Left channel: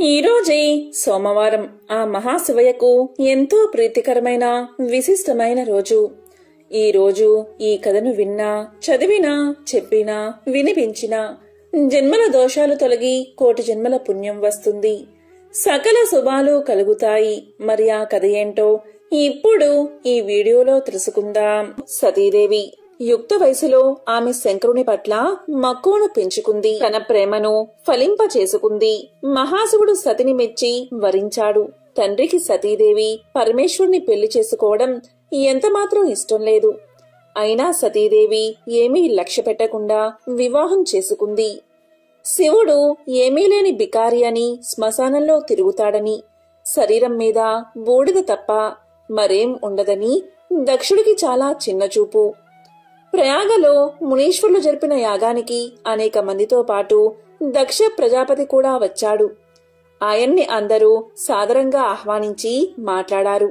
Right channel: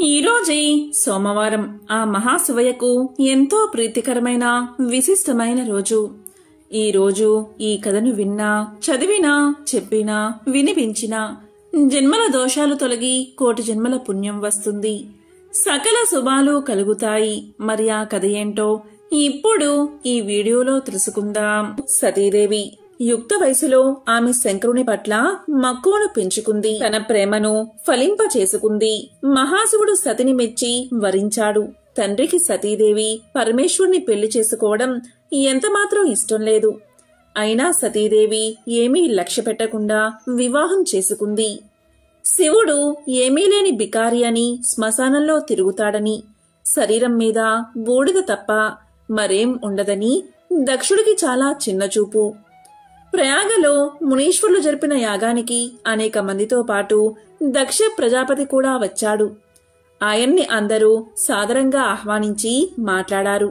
ఈరోజే సోమవారం ఆ మహాశివయ్యకు ఎంతో ప్రీతికరమైన విశిష్టమైన రోజు. ఈ రోజు ఈ కథను విన్నా, చదివినా, చెప్పినా, వినిపించినా జన్మల దోషాలు తొలగి కోటి జన్మల పుణ్యం వస్తుంది. సకల శుభాలు కలుగుతాయి. మరి ఆ కథ ఏంటో ఇప్పుడు ఈ వీడియోలో తెలుసుకుందాం. సతీదేవి యుక్త వయసులో ఆమె శంకరుని పట్ల మక్కువను పెంచుకుంది. తన ప్రేమను ఫలింప చేసుకుంది. మహాశివుడు సతిని మెచ్చి వరించాడు. తండ్రికి సతీదేవి పరమేశ్వరుని పెళ్లి చేసుకోవడం ఎంతమాత్రం ఇష్టం లేదు. అయినా సతీదేవి ఏమీ లక్ష్య పెట్టకుండా వివాహం చేసుకుంది. శివుడు ఏమీ లేని బికారి అని, శ్మశానంలో తిరుగుతాడని, శరీరం మీద బూడిద తప్ప మరేం ఉండదని దక్షుడికి చాలా చిన్నచూపు. ప్రయాగలో మునీశ్వరులు జరిపిన యాగానికి అనేక మందితో పాటు దక్ష ప్రజాపతి కూడా వచ్చాడు. ఆయన్ని అందరూ సాదరంగా ఆహ్వానించి మాట్లాడారు.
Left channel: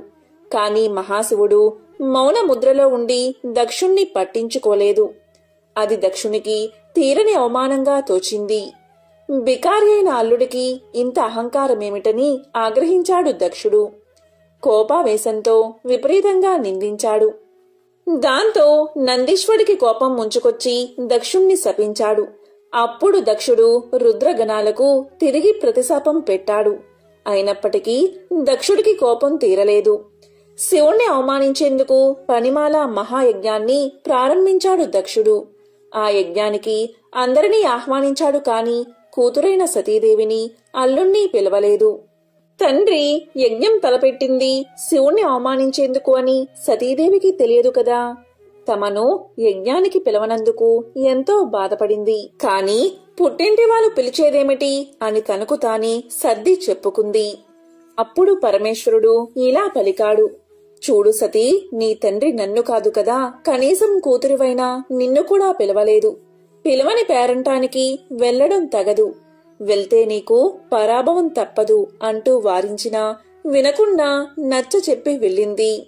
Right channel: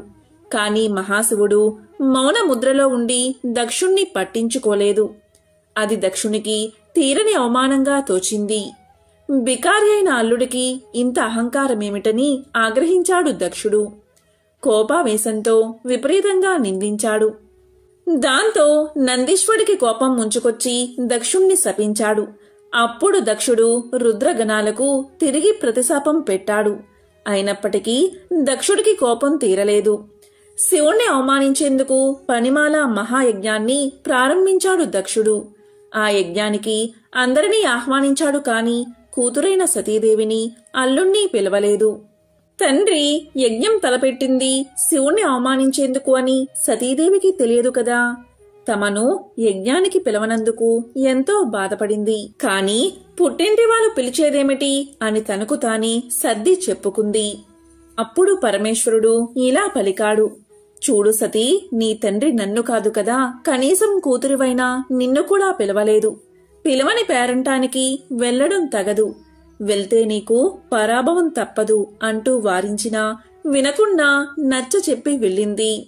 కాని మహాశివుడు మౌన ముద్రలో ఉండి దక్షుణ్ణి పట్టించుకోలేదు. అది దక్షునికి తీరని అవమానంగా తోచింది. బికారి అయిన అల్లుడికి ఇంత అహంకారమేమిటని ఆగ్రహించాడు దక్షుడు. కోపావేశంతో విపరీతంగా నిందించాడు. దాంతో నందీశ్వరుడికి కోపం ముంచుకొచ్చి దక్షుణ్ణి శపించాడు. అప్పుడు దక్షుడు రుద్రగణాలకు తిరిగి ప్రతిశాపం పెట్టాడు. అయినప్పటికీ దక్షుడికి కోపం తీరలేదు. శివుణ్ణి అవమానించేందుకు పనిమాల మహాయజ్ఞాన్ని ప్రారంభించాడు దక్షుడు. ఆ యజ్ఞానికి అందరినీ ఆహ్వానించాడు. కాని కూతురైన సతీదేవిని, అల్లుణ్ణి పిలవలేదు. తండ్రి యజ్ఞం తలపెట్టింది శివుణ్ణి అవమానించేందుకు అని సతీదేవికి తెలియదు కదా. తమను యజ్ఞానికి పిలవనందుకు ఎంతో బాధపడింది. కాని పుట్టింటి వాళ్ళు పిలిచేదేమిటి అని తనకు తానే సర్ది చెప్పుకుంది. అప్పుడు పరమేశ్వరుడు ఇలా పలికాడు. చూడు సతీ, నీ తండ్రి నన్ను కాదు కదా, కనీసం కూతురివైనా నిన్ను కూడా పిలవలేదు. పిలవని పేరంటానికి వెళ్లడం తగదు. వెళ్తే నీకు పరాభవం తప్పదు అంటూ వారించినా వినకుండా నచ్చ చెప్పి వెళ్ళింది.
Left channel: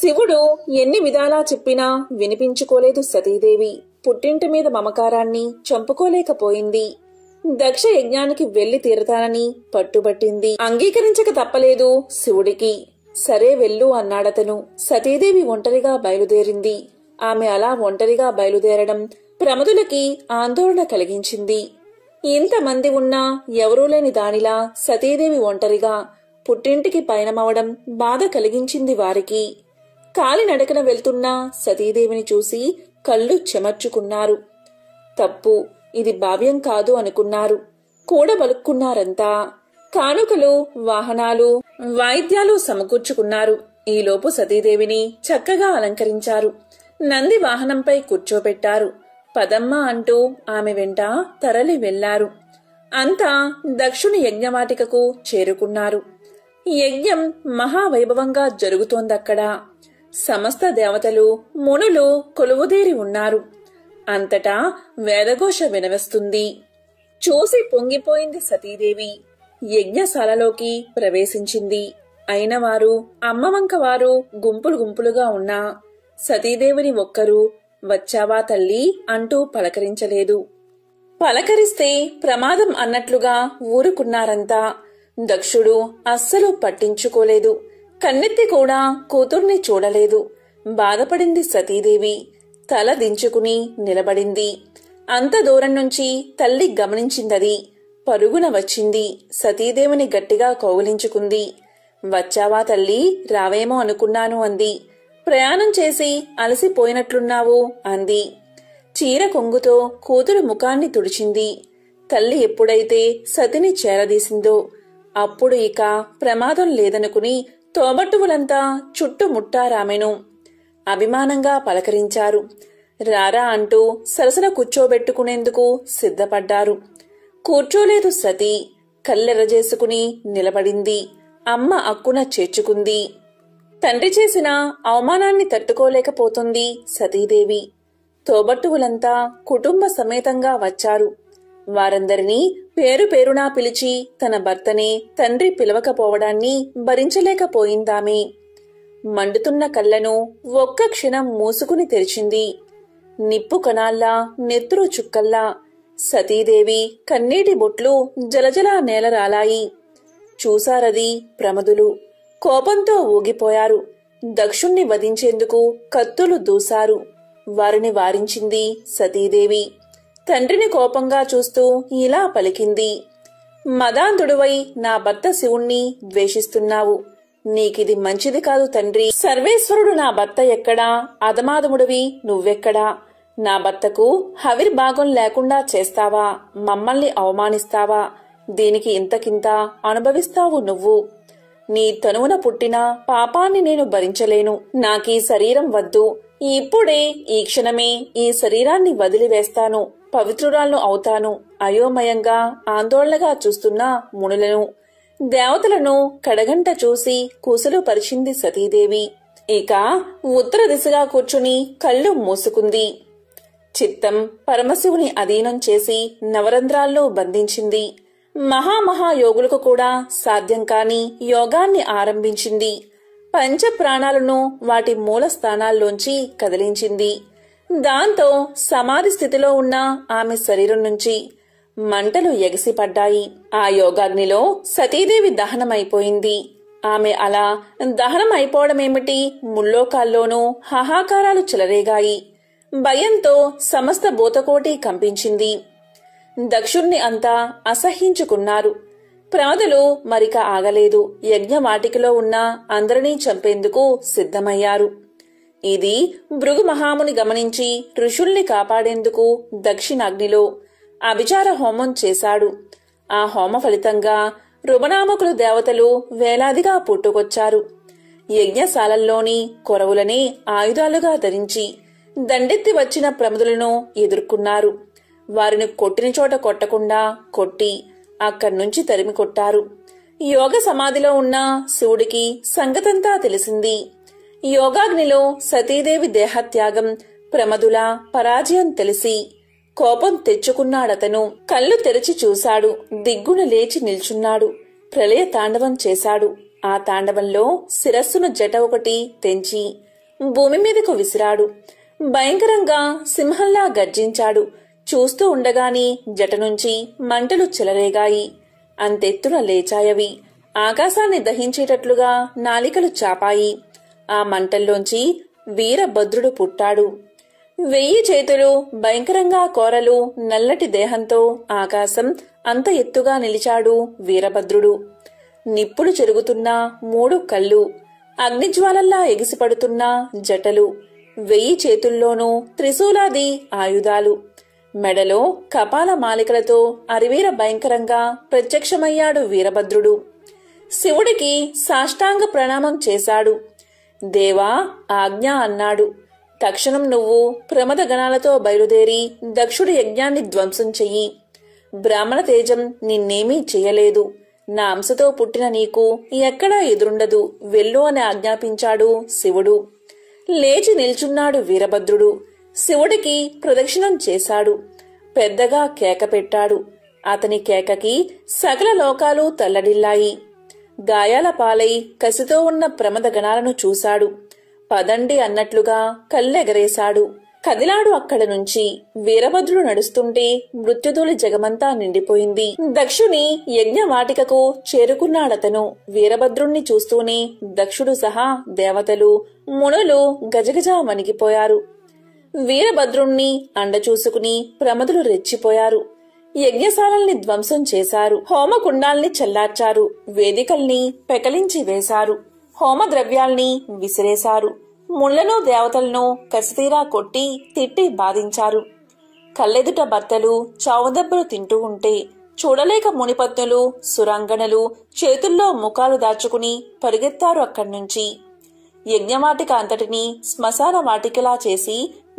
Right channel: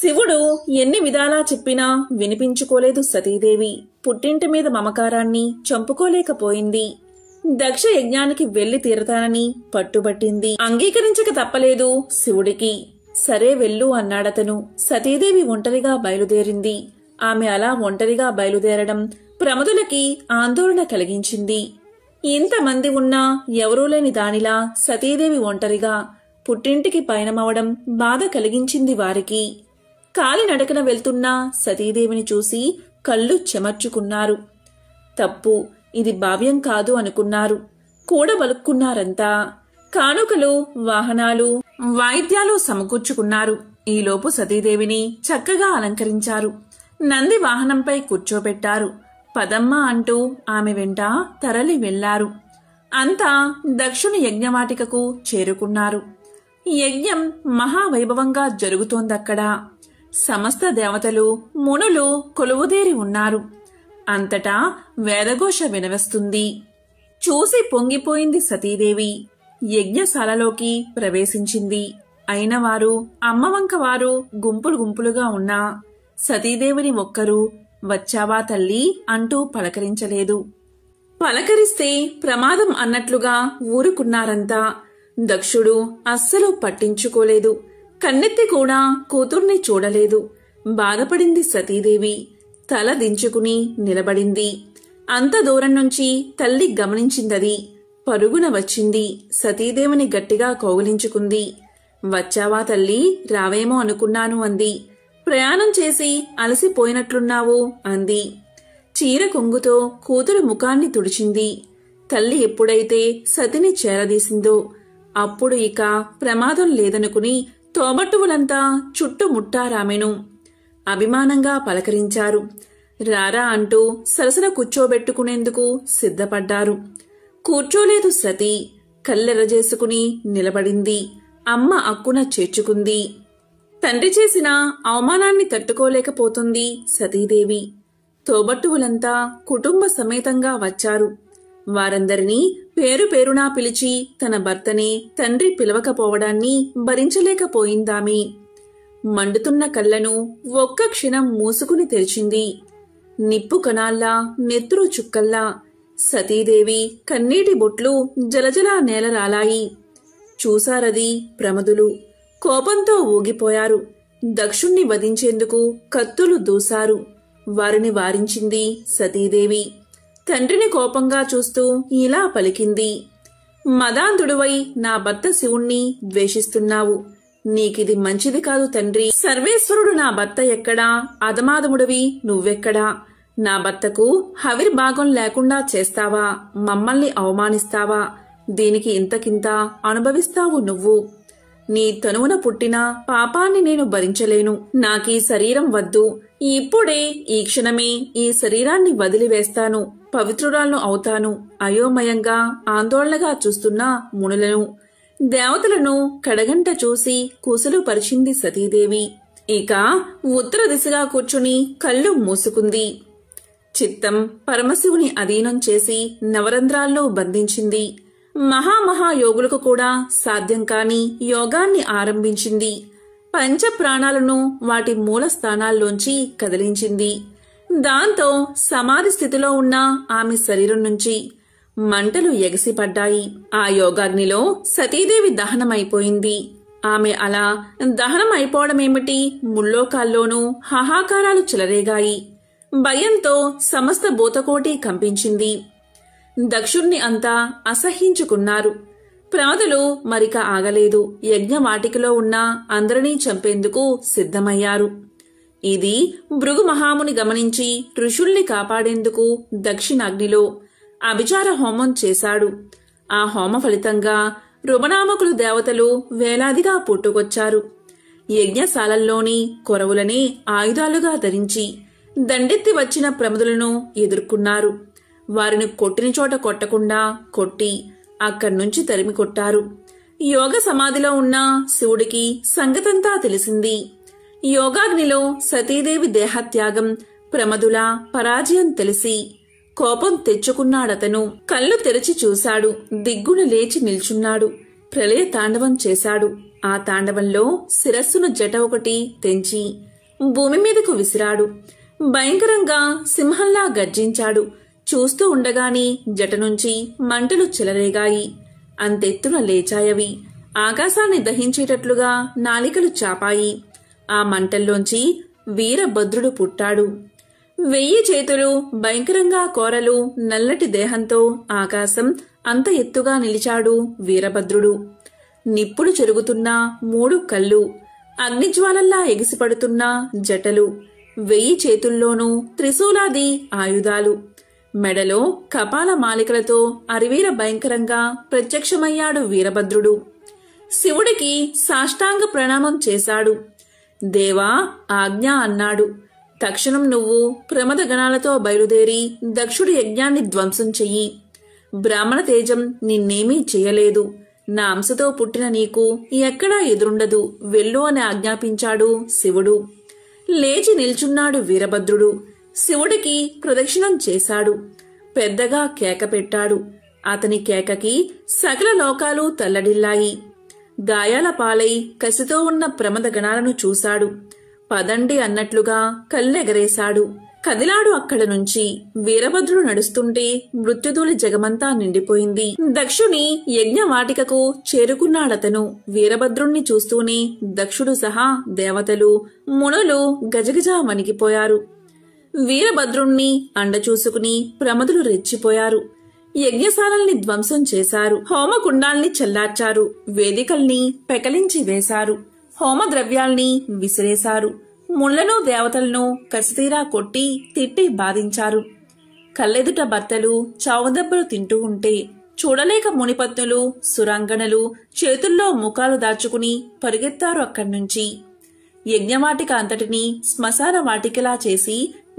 శివుడు ఎన్ని విధాలా చెప్పినా వినిపించుకోలేదు సతీదేవి. పుట్టింటి మీద మమకారాన్ని చంపుకోలేకపోయింది. దక్ష యజ్ఞానికి వెళ్లి తీరతానని పట్టుబట్టింది. అంగీకరించక తప్పలేదు శివుడికి. సరే వెళ్ళు అన్నాడతను. సతీదేవి ఒంటరిగా బయలుదేరింది. ఆమె అలా ఒంటరిగా బయలుదేరడం ప్రమదులకి ఆందోళన కలిగించింది. ఇంతమంది ఉన్నా ఎవరూ లేని దానిలా సతీదేవి ఒంటరిగా పుట్టింటికి పయనమవడం బాధ కలిగించింది వారికి. కాలినడకన వెళ్తున్న సతీదేవిని చూసి కళ్ళు చెమర్చుకున్నారు. తప్పు, ఇది భావ్యం కాదు అనుకున్నారు. కూడబలుక్కున్నారంతా. కానుకలు, వాహనాలు, వాయిద్యాలు సమకూర్చుకున్నారు. ఈలోపు సతీదేవిని చక్కగా అలంకరించారు. నంది వాహనంపై కూర్చోబెట్టారు. పదమ్మ అంటూ ఆమె వెంట తరలి వెళ్లారు. అంతా దక్షుని యజ్ఞవాటికకు చేరుకున్నారు. యజ్ఞం మహావైభవంగా జరుగుతోందక్కడ. సమస్త దేవతలు, మునులు కొలువుదేరి ఉన్నారు. అంతటా వేదఘోష వినవస్తుంది. చూసి పొంగిపోయింది సతీదేవి. యజ్ఞశాలలోకి ప్రవేశించింది. అయినవారు, అమ్మవంకవారు గుంపులు గుంపులుగా ఉన్నా సతీదేవిని ఒక్కరూ వచ్చావా తల్లి అంటూ పలకరించలేదు. పలకరిస్తే ప్రమాదం అన్నట్లుగా ఊరుకున్నారంతా. దక్షుడు అస్సలు పట్టించుకోలేదు. కన్నెత్తి కూడా కూతుర్ని చూడలేదు. బాధపడింది సతీదేవి. తల దించుకుని నిలబడింది. అంత దూరం నుంచి తల్లి గమనించిందది. పరుగున వచ్చింది. సతీదేవిని గట్టిగా కౌగిలించుకుంది. వచ్చావా తల్లి, రావేమో అనుకున్నాను అంది. ప్రయాణం చేసి అలసిపోయినట్లున్నావు అంది. చీర కొంగుతో కూతురు ముఖాన్ని తుడిచింది. తల్లి ఎప్పుడైతే సతిని చేరదీసిందో అప్పుడు ఇక ప్రమాదం లేదనుకుని తోబట్టువులంతా చుట్టుముట్టారామెను. అభిమానంగా పలకరించారు. రారా అంటూ సరసన కూర్చోబెట్టుకునేందుకు సిద్ధపడ్డారు. కూర్చోలేదు సతీ. కళ్ళెరజేసుకుని నిలబడింది. అమ్మ అక్కున చేర్చుకుంది. తండ్రి చేసిన అవమానాన్ని తట్టుకోలేకపోతుంది సతీదేవి. తోబట్టువులంతా కుటుంబ సమేతంగా వచ్చారు. వారందరినీ పేరు పేరునా పిలిచి తన భర్తనే తండ్రి పిలవకపోవడాన్ని భరించలేకపోయిందామె. మండుతున్న కళ్లను ఒక్క క్షణం మూసుకుని తెరిచింది. నిప్పు కణాల్లా, నెత్తురు చుక్కల్లా సతీదేవి కన్నీటి బొట్లు జలజలా నేలరాలాయి. చూశారది ప్రమదులు. కోపంతో ఊగిపోయారు. దక్షుణ్ణి వధించేందుకు కత్తులు దూశారు. వారిని వారించింది సతీదేవి. తండ్రిని కోపంగా చూస్తూ ఇలా పలికింది. మదాంధుడువై నా భర్త శివుణ్ణి ద్వేషిస్తున్నావు. నీకిది మంచిది కాదు తండ్రి. సర్వేశ్వరుడు నా భర్త ఎక్కడా, అధమాధముడివి నువ్వెక్కడా? నా భర్తకు హవిర్భాగం లేకుండా చేస్తావా? మమ్మల్ని అవమానిస్తావా? దీనికి ఇంతకింత అనుభవిస్తావు నువ్వు. నీ తనువున పుట్టిన పాపాన్ని నేను భరించలేను. నాకీ శరీరం వద్దు. ఇప్పుడే ఈ క్షణమే ఈ శరీరాన్ని వదిలివేస్తాను. పవిత్రురాలను అవుతాను. అయోమయంగా ఆందోళనగా చూస్తున్న మునులను, దేవతలను కడగంట చూసి కుశలు పరిచింది సతీదేవి. ఇక ఉత్తర దిశగా కూర్చుని కళ్ళు మూసుకుంది. చిత్తం పరమశివుని అధీనం చేసి నవరంధ్రాల్లో బంధించింది. మహామహాయోగులకు కూడా సాధ్యం కాని యోగాన్ని ఆరంభించింది. పంచ ప్రాణాలను వాటి మూల స్థానాల్లోంచి కదిలించింది. దాంతో సమాధి స్థితిలో ఉన్న ఆమె శరీరం నుంచి మంటలు ఎగసిపడ్డాయి. ఆ యోగాగ్నిలో సతీదేవి దహనమైపోయింది. ఆమె అలా దహనమైపోవడమేమిటి, ముల్లోకాల్లోనూ హాహాకారాలు చెలరేగాయి. భయంతో సమస్త భూతకోటి కంపించింది. దక్షుణ్ణి అంతా అసహ్యించుకున్నారు. ప్రమదులు మరిక ఆగలేదు. యజ్ఞవాటికలో ఉన్న అందరినీ చంపేందుకు సిద్ధమయ్యారు. ఇది భృగు మహాముని గమనించి ఋషుల్ని కాపాడేందుకు దక్షిణాగ్నిలో అభిచార హోమం చేశాడు. ఆ హోమ ఫలితంగా రుమనామకులు దేవతలు వేలాదిగా పుట్టుకొచ్చారు. యజ్ఞశాలల్లోని కొరవులని ఆయుధాలుగా ధరించి దండెత్తి వచ్చిన ప్రమదులను ఎదుర్కొన్నారు. వారిని కొట్టిన చోట కొట్టకుండా కొట్టి అక్కడ్నుంచి తరిమి కొట్టారు. యోగ సమాధిలో ఉన్న శివుడికి సంగతంతా తెలిసింది. యోగాగ్నిలో సతీదేవి దేహత్యాగం, ప్రమదుల పరాజయం తెలిసి కోపం తెచ్చుకున్నాడతను. కళ్ళు తెరిచి చూశాడు. దిగ్గున లేచి నిల్చున్నాడు. ప్రళయ తాండవం చేశాడు. ఆ తాండవంలో శిరస్సును జట ఒకటి తెంచి భూమి మీదకు విసిరాడు. భయంకరంగా సింహంలా గర్జించాడు. చూస్తూ ఉండగానే జట నుంచి మంటలు చెలరేగాయి. అంతెత్తున లేచాయవి. ఆకాశాన్ని దహించేటట్లుగా నాలికలు చాపాయి. ఆ మంటల్లోంచి వీరభద్రుడు పుట్టాడు. 1000 చేతులు, భయంకరంగా కోరలు, నల్లటి దేహంతో ఆకాశం అంత ఎత్తుగా నిలిచాడు వీరభద్రుడు. నిప్పులు చెరుగుతున్న 3 కళ్ళు, అగ్నిజ్వాలల్లా ఎగిసిపడుతున్న జటలు, 1000 చేతుల్లోనూ త్రిశూలాది ఆయుధాలు, మెడలో కపాల మాలికలతో అరివీర భయంకరంగా ప్రత్యక్షమయ్యాడు వీరభద్రుడు. శివుడికి సాష్టాంగ ప్రణామం చేశాడు. దేవా, ఆజ్ఞ అన్నాడు. తక్షణం నువ్వు ప్రమద గణాలతో బయలుదేరి దక్షుడి యజ్ఞాన్ని ధ్వంసం చెయ్యి. బ్రాహ్మణ తేజం నిన్నేమీ చెయ్యలేదు. నా అంశతో పుట్టిన నీకు ఎక్కడా ఎదురుండదు. వెళ్ళు అని ఆజ్ఞాపించాడు శివుడు. లేచి నిల్చున్నాడు వీరభద్రుడు. శివుడికి ప్రదక్షిణం చేశాడు. పెద్దగా కేక పెట్టాడు. అతని కేకకి సకల లోకాలు తల్లడిల్లాయి. గాయాల పాలై కసితో ఉన్న ప్రమద గణాలను చూశాడు. పదండి అన్నట్లుగా కళ్ళెగరేశాడు. కదిలాడు అక్కడ నుంచి. వీరభద్రుడు నడుస్తుంటే మృత్యుధూళి జగమంతా నిండిపోయింది. దక్షుని యజ్ఞవాటికకు చేరుకున్నాడతను. వీరభద్రుణ్ణి చూస్తూనే దక్షుడు సహా దేవతలు, మునులు గజగజ వణికిపోయారు. వీరభద్రుణ్ణి అండ చూసుకుని ప్రమదులు రెచ్చిపోయారు. యజ్ఞశాలల్ని ధ్వంసం చేశారు. హోమకుండాల్ని చల్లార్చారు. వేదికల్ని పెకలించి వేశారు. హోమ ద్రవ్యాల్ని విసిరేశారు. ముళ్లను దేవతలను కసితీరా కొట్టి తిట్టి బాధించారు. కళ్ళెదుట భర్తలు చావుదెబ్బలు తింటూ ఉంటే చూడలేక మునిపత్నులు, సురాంగణలు చేతుల్లో ముఖాలు దాచుకుని పరిగెత్తారు అక్కడ్నుంచి. యజ్ఞవాటిక అంతటినీ శ్మశాన వాటికలా చేసి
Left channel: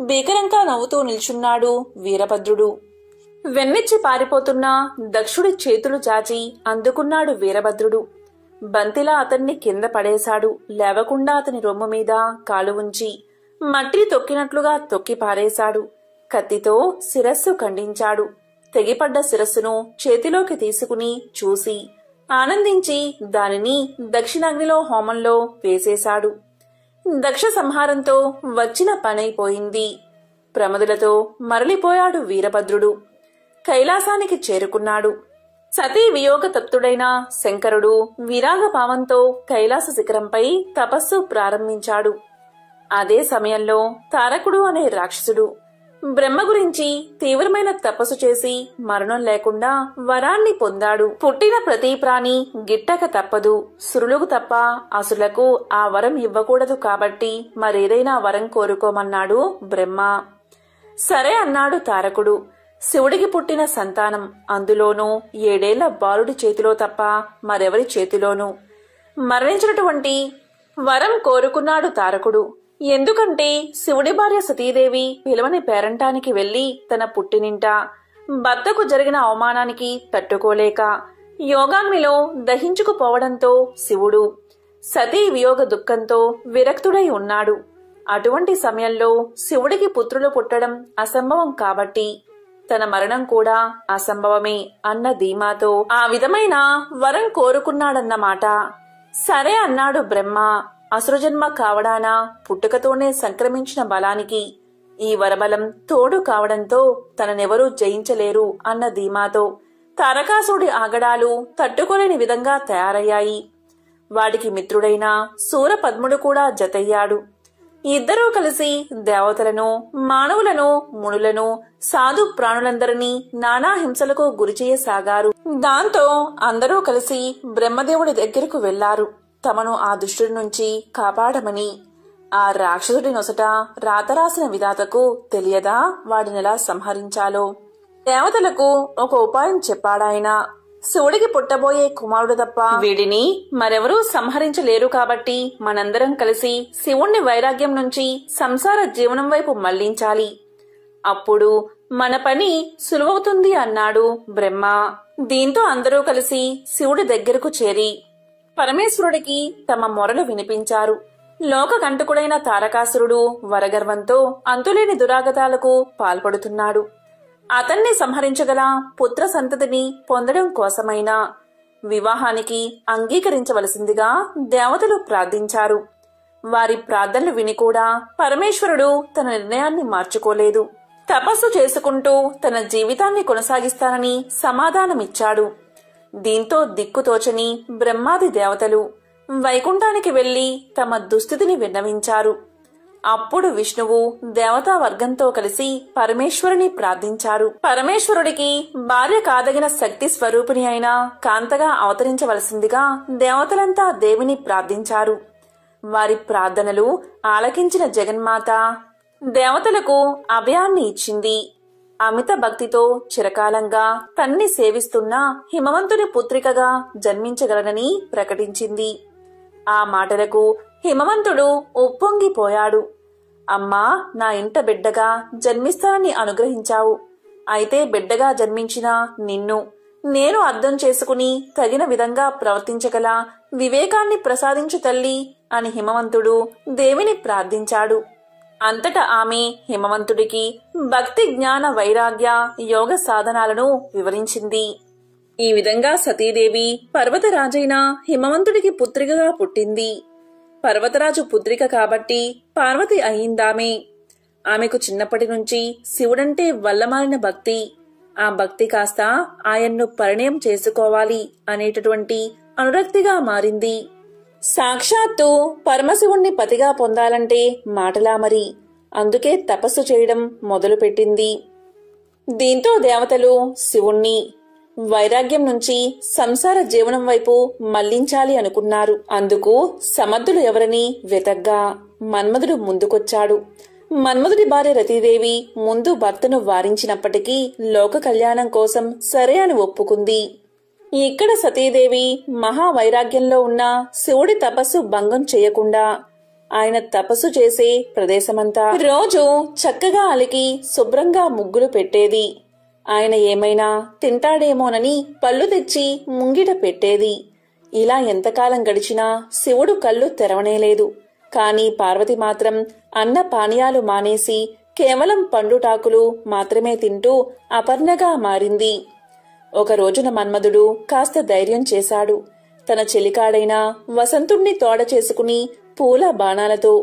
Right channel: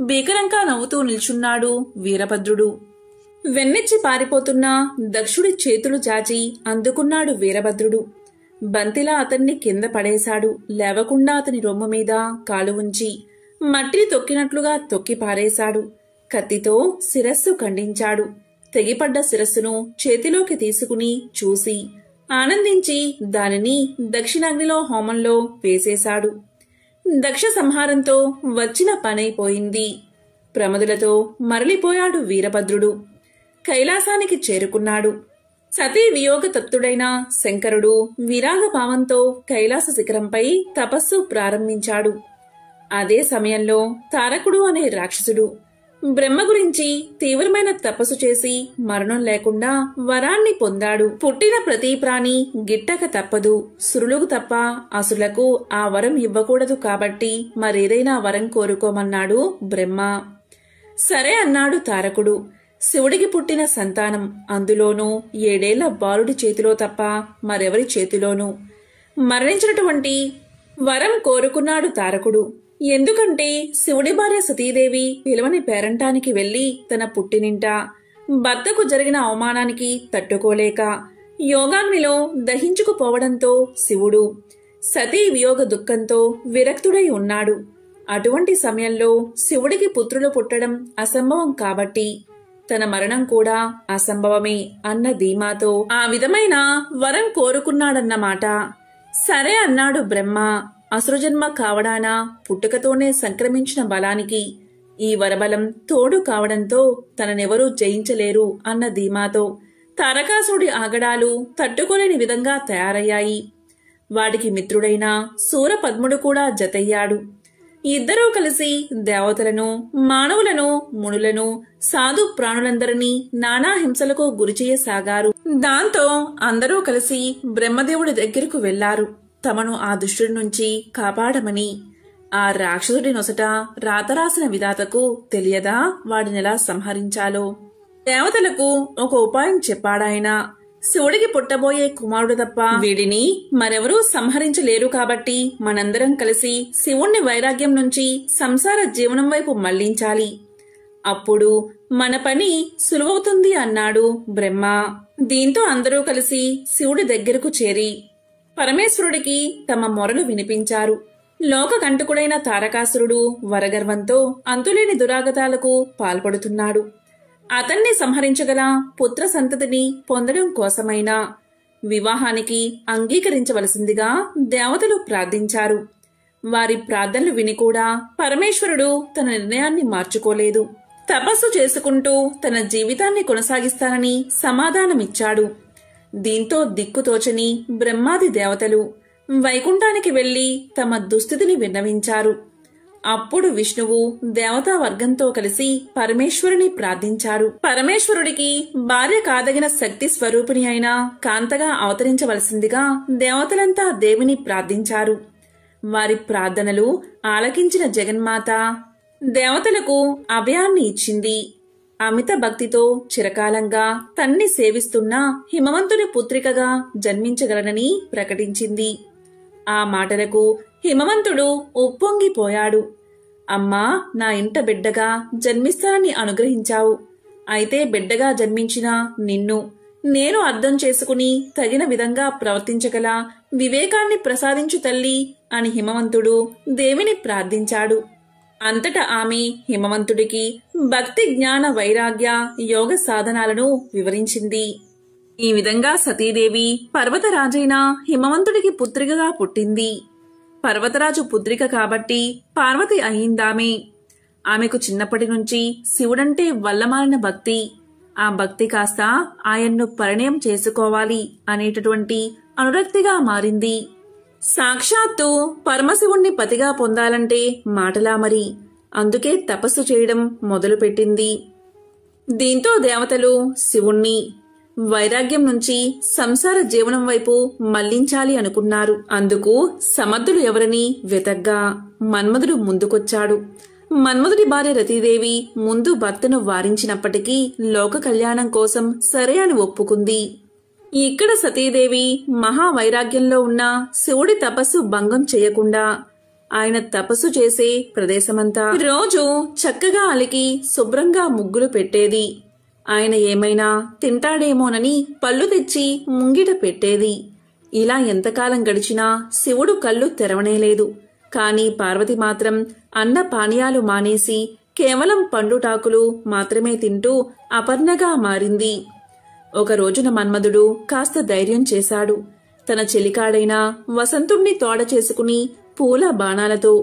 భీకరంగా నవ్వుతూ నిల్చున్నాడు వీరభద్రుడు. వెన్నెచ్చి పారిపోతున్న దక్షుడి చేతులు చాచి అందుకున్నాడు వీరభద్రుడు. బంతిలా అతన్ని కింద పడేశాడు. లేవకుండా అతని రొమ్ము మీద కాలు ఉంచి మట్టిని తొక్కినట్లుగా తొక్కి పారేశాడు. కత్తితో శిరస్సు ఖండించాడు. తెగిపడ్డ శిరస్సును చేతిలోకి తీసుకుని చూసి ఆనందించి దానిని దక్షిణాగ్నిలో హోమంలో వేసేశాడు. దక్ష సంహారంతో వచ్చిన పనైపోయింది. ప్రమదులతో మరలిపోయాడు వీరభద్రుడు. కైలాసానికి చేరుకున్నాడు. సతీ వియోగ తప్తుడైన శంకరుడు విరాగభావంతో కైలాస శిఖరంపై తపస్సు ప్రారంభించాడు. అదే సమయంలో తారకుడు అనే రాక్షసుడు బ్రహ్మ గురించి తీవ్రమైన తపస్సు చేసి మరణం లేకుండా వరాన్ని పొందాడు. పుట్టిన ప్రతి ప్రాణి గిట్టక తప్పదు. సురులకు తప్ప అసులకు ఆ వరం ఇవ్వకూడదు కాబట్టి మరేదైనా వరం కోరుకోమన్నాడు బ్రహ్మ. సరే అన్నాడు తారకుడు. శివుడికి పుట్టిన సంతానం, అందులోనూ 7 ఏళ్ల బాలుడి చేతిలో తప్ప మరెవరి చేతిలోనూ మరణించినటువంటి వరం కోరుకున్నాడు తారకుడు. ఎందుకంటే శివుడి భార్య సతీదేవి పిలవని పేరంటానికి వెళ్లి తన పుట్టినింట భర్తకు జరిగిన అవమానానికి తట్టుకోలేక యోగాగ్నిలో దహించుకుపోవడంతో శివుడు సతీ వియోగ దుఃఖంతో విరక్తుడై ఉన్నాడు. అటువంటి సమయంలో శివుడికి పుత్రులు పుట్టడం అసంభవం కాబట్టి తన మరణం కూడా అసంభవమే అన్న ధీమాతో ఆ విధమైన వరం కోరుకున్నాడన్నమాట. సరే అన్నాడు బ్రహ్మ. అసురజన్మ కావడాన పుట్టుకతోనే సంక్రమించిన బలానికి ఈ వరబలం తోడు కావడంతో తననెవరూ జయించలేరు అన్న ధీమాతో తారకాసుడి ఆగడాలు తట్టుకోలేని విధంగా తయారయ్యాయి. వాడికి మిత్రుడైన సూరపద్ముడు కూడా జతయ్యాడు. ఇద్దరూ కలిసి దేవతలను, మానవులను, మునులను, సాధు ప్రాణులందరినీ నానా హింసలకు గురిచేయసాగారు. దాంతో అందరూ కలిసి బ్రహ్మదేవుడి దగ్గరకు వెళ్లారు, తమను ఆ దుష్టుడి నుంచి కాపాడమని. ఆ రాక్షసుడి నొసట రాతరాసిన విధాతకు తెలియదా వాడినెలా సంహరించాలో? దేవతలకు ఒక ఉపాయం చెప్పాడాయన. శివుడికి పుట్టబోయే కుమారుడు తప్ప వీడిని మరెవరూ సంహరించలేరు కాబట్టి మనందరం కలిసి శివుణ్ణి వైరాగ్యం నుంచి సంసార జీవనం వైపు మళ్లించాలి. అప్పుడు మన పని సులువవుతుంది అన్నాడు బ్రహ్మ. దీంతో అందరూ కలిసి శివుడి దగ్గరకు చేరి పరమేశ్వరుడికి తమ మొరలు వినిపించారు. లోక కంటకుడైన తారకాసురుడు వరగర్వంతో అంతులేని దురాగతాలకు పాల్పడుతున్నాడు. అతన్ని సంహరించగల పుత్ర సంతతిని పొందడం కోసమైనా వివాహానికి అంగీకరించవలసిందిగా దేవతలు ప్రార్థించారు. వారి ప్రార్థనలు విని కూడా పరమేశ్వరుడు తన నిర్ణయాన్ని మార్చుకోలేదు. తపస్సు చేసుకుంటూ తన జీవితాన్ని కొనసాగిస్తానని సమాధానమిచ్చాడు. దీంతో దిక్కుతోచని బ్రహ్మాది దేవతలు వైకుంఠానికి వెళ్లి తమ దుస్థితిని విన్నవించారు. అప్పుడు విష్ణువు దేవతా వర్గంతో కలిసి పరమేశ్వరుని ప్రార్థించారు. పరమేశ్వరుడికి భార్య కాదగిన శక్తి స్వరూపిణి అయిన కాంతగా అవతరించవలసిందిగా దేవతలంతా దేవిని ప్రార్థించారు. వారి ప్రార్థనలు ఆలకించిన జగన్మాత దేవతలకు అభయాన్ని ఇచ్చింది. అమిత భక్తితో చిరకాలంగా తన్ని సేవిస్తున్న హిమవంతుని పుత్రికగా జన్మించగలనని ప్రకటించింది. ఆ మాటలకు హిమవంతుడు ఉప్పొంగిపోయాడు. అమ్మా, నా ఇంట బిడ్డగా జన్మిస్తానని అనుగ్రహించావు. అయితే బిడ్డగా జన్మించిన నిన్ను నేను అర్థం చేసుకుని తగిన విధంగా ప్రవర్తించగల వివేకాన్ని ప్రసాదించు తల్లి అని హిమవంతుడు దేవిని ప్రార్థించాడు. అంతటా ఆమె హిమవంతుడికి భక్తి, జ్ఞాన, వైరాగ్య, యోగ సాధనాలను వివరించింది. ఈ విధంగా సతీదేవి పర్వతరాజైన హిమవంతుడికి పుత్రికగా పుట్టింది. పర్వతరాజు పుత్రిక కాబట్టి పార్వతి అయిందామే. ఆమెకు చిన్నప్పటి నుంచి శివుడంటే వల్లమాలిన భక్తి. ఆ భక్తి కాస్త ఆయన్ను పరిణయం చేసుకోవాలి అనేటటువంటి అనురక్తిగా మారింది. సాక్షాత్తు పరమశివుణ్ణి పతిగా పొందాలంటే మాటలా మరి. అందుకే తపస్సు చేయడం మొదలుపెట్టింది. దీంతో దేవతలు శివుణ్ణి వైరాగ్యం నుంచి సంసార జీవనం వైపు మళ్లించాలి అనుకున్నారు. అందుకు సమర్థులు ఎవరని వెతగ్గా మన్మధుడు ముందుకొచ్చాడు. మన్మధుడి భార్య రతీదేవి ముందు భర్తను వారించినప్పటికీ లోక కళ్యాణం కోసం సరే అని ఒప్పుకుంది. ఇక్కడ సతీదేవి మహావైరాగ్యంలో ఉన్న శివుడి తపస్సు భంగం చేయకుండా ఆయన తపస్సు చేసే ప్రదేశమంతా రోజు చక్కగా అలికి శుభ్రంగా ముగ్గులు పెట్టేది. ఆయన ఏమైనా తింటాడేమోనని పళ్ళు తెచ్చి ముంగిట పెట్టేది. ఇలా ఎంతకాలం గడిచినా శివుడు కళ్ళు తెరవనేలేదు. కాని పార్వతి మాత్రం అన్న పానీయాలు మానేసి కేవలం పండుటాకులు మాత్రమే తింటూ అపర్ణగా మారింది. ఒక రోజున మన్మధుడు కాస్త ధైర్యం చేశాడు. తన చెలికాడైన వసంతుణ్ణి తోడ చేసుకుని పూల బాణాలతో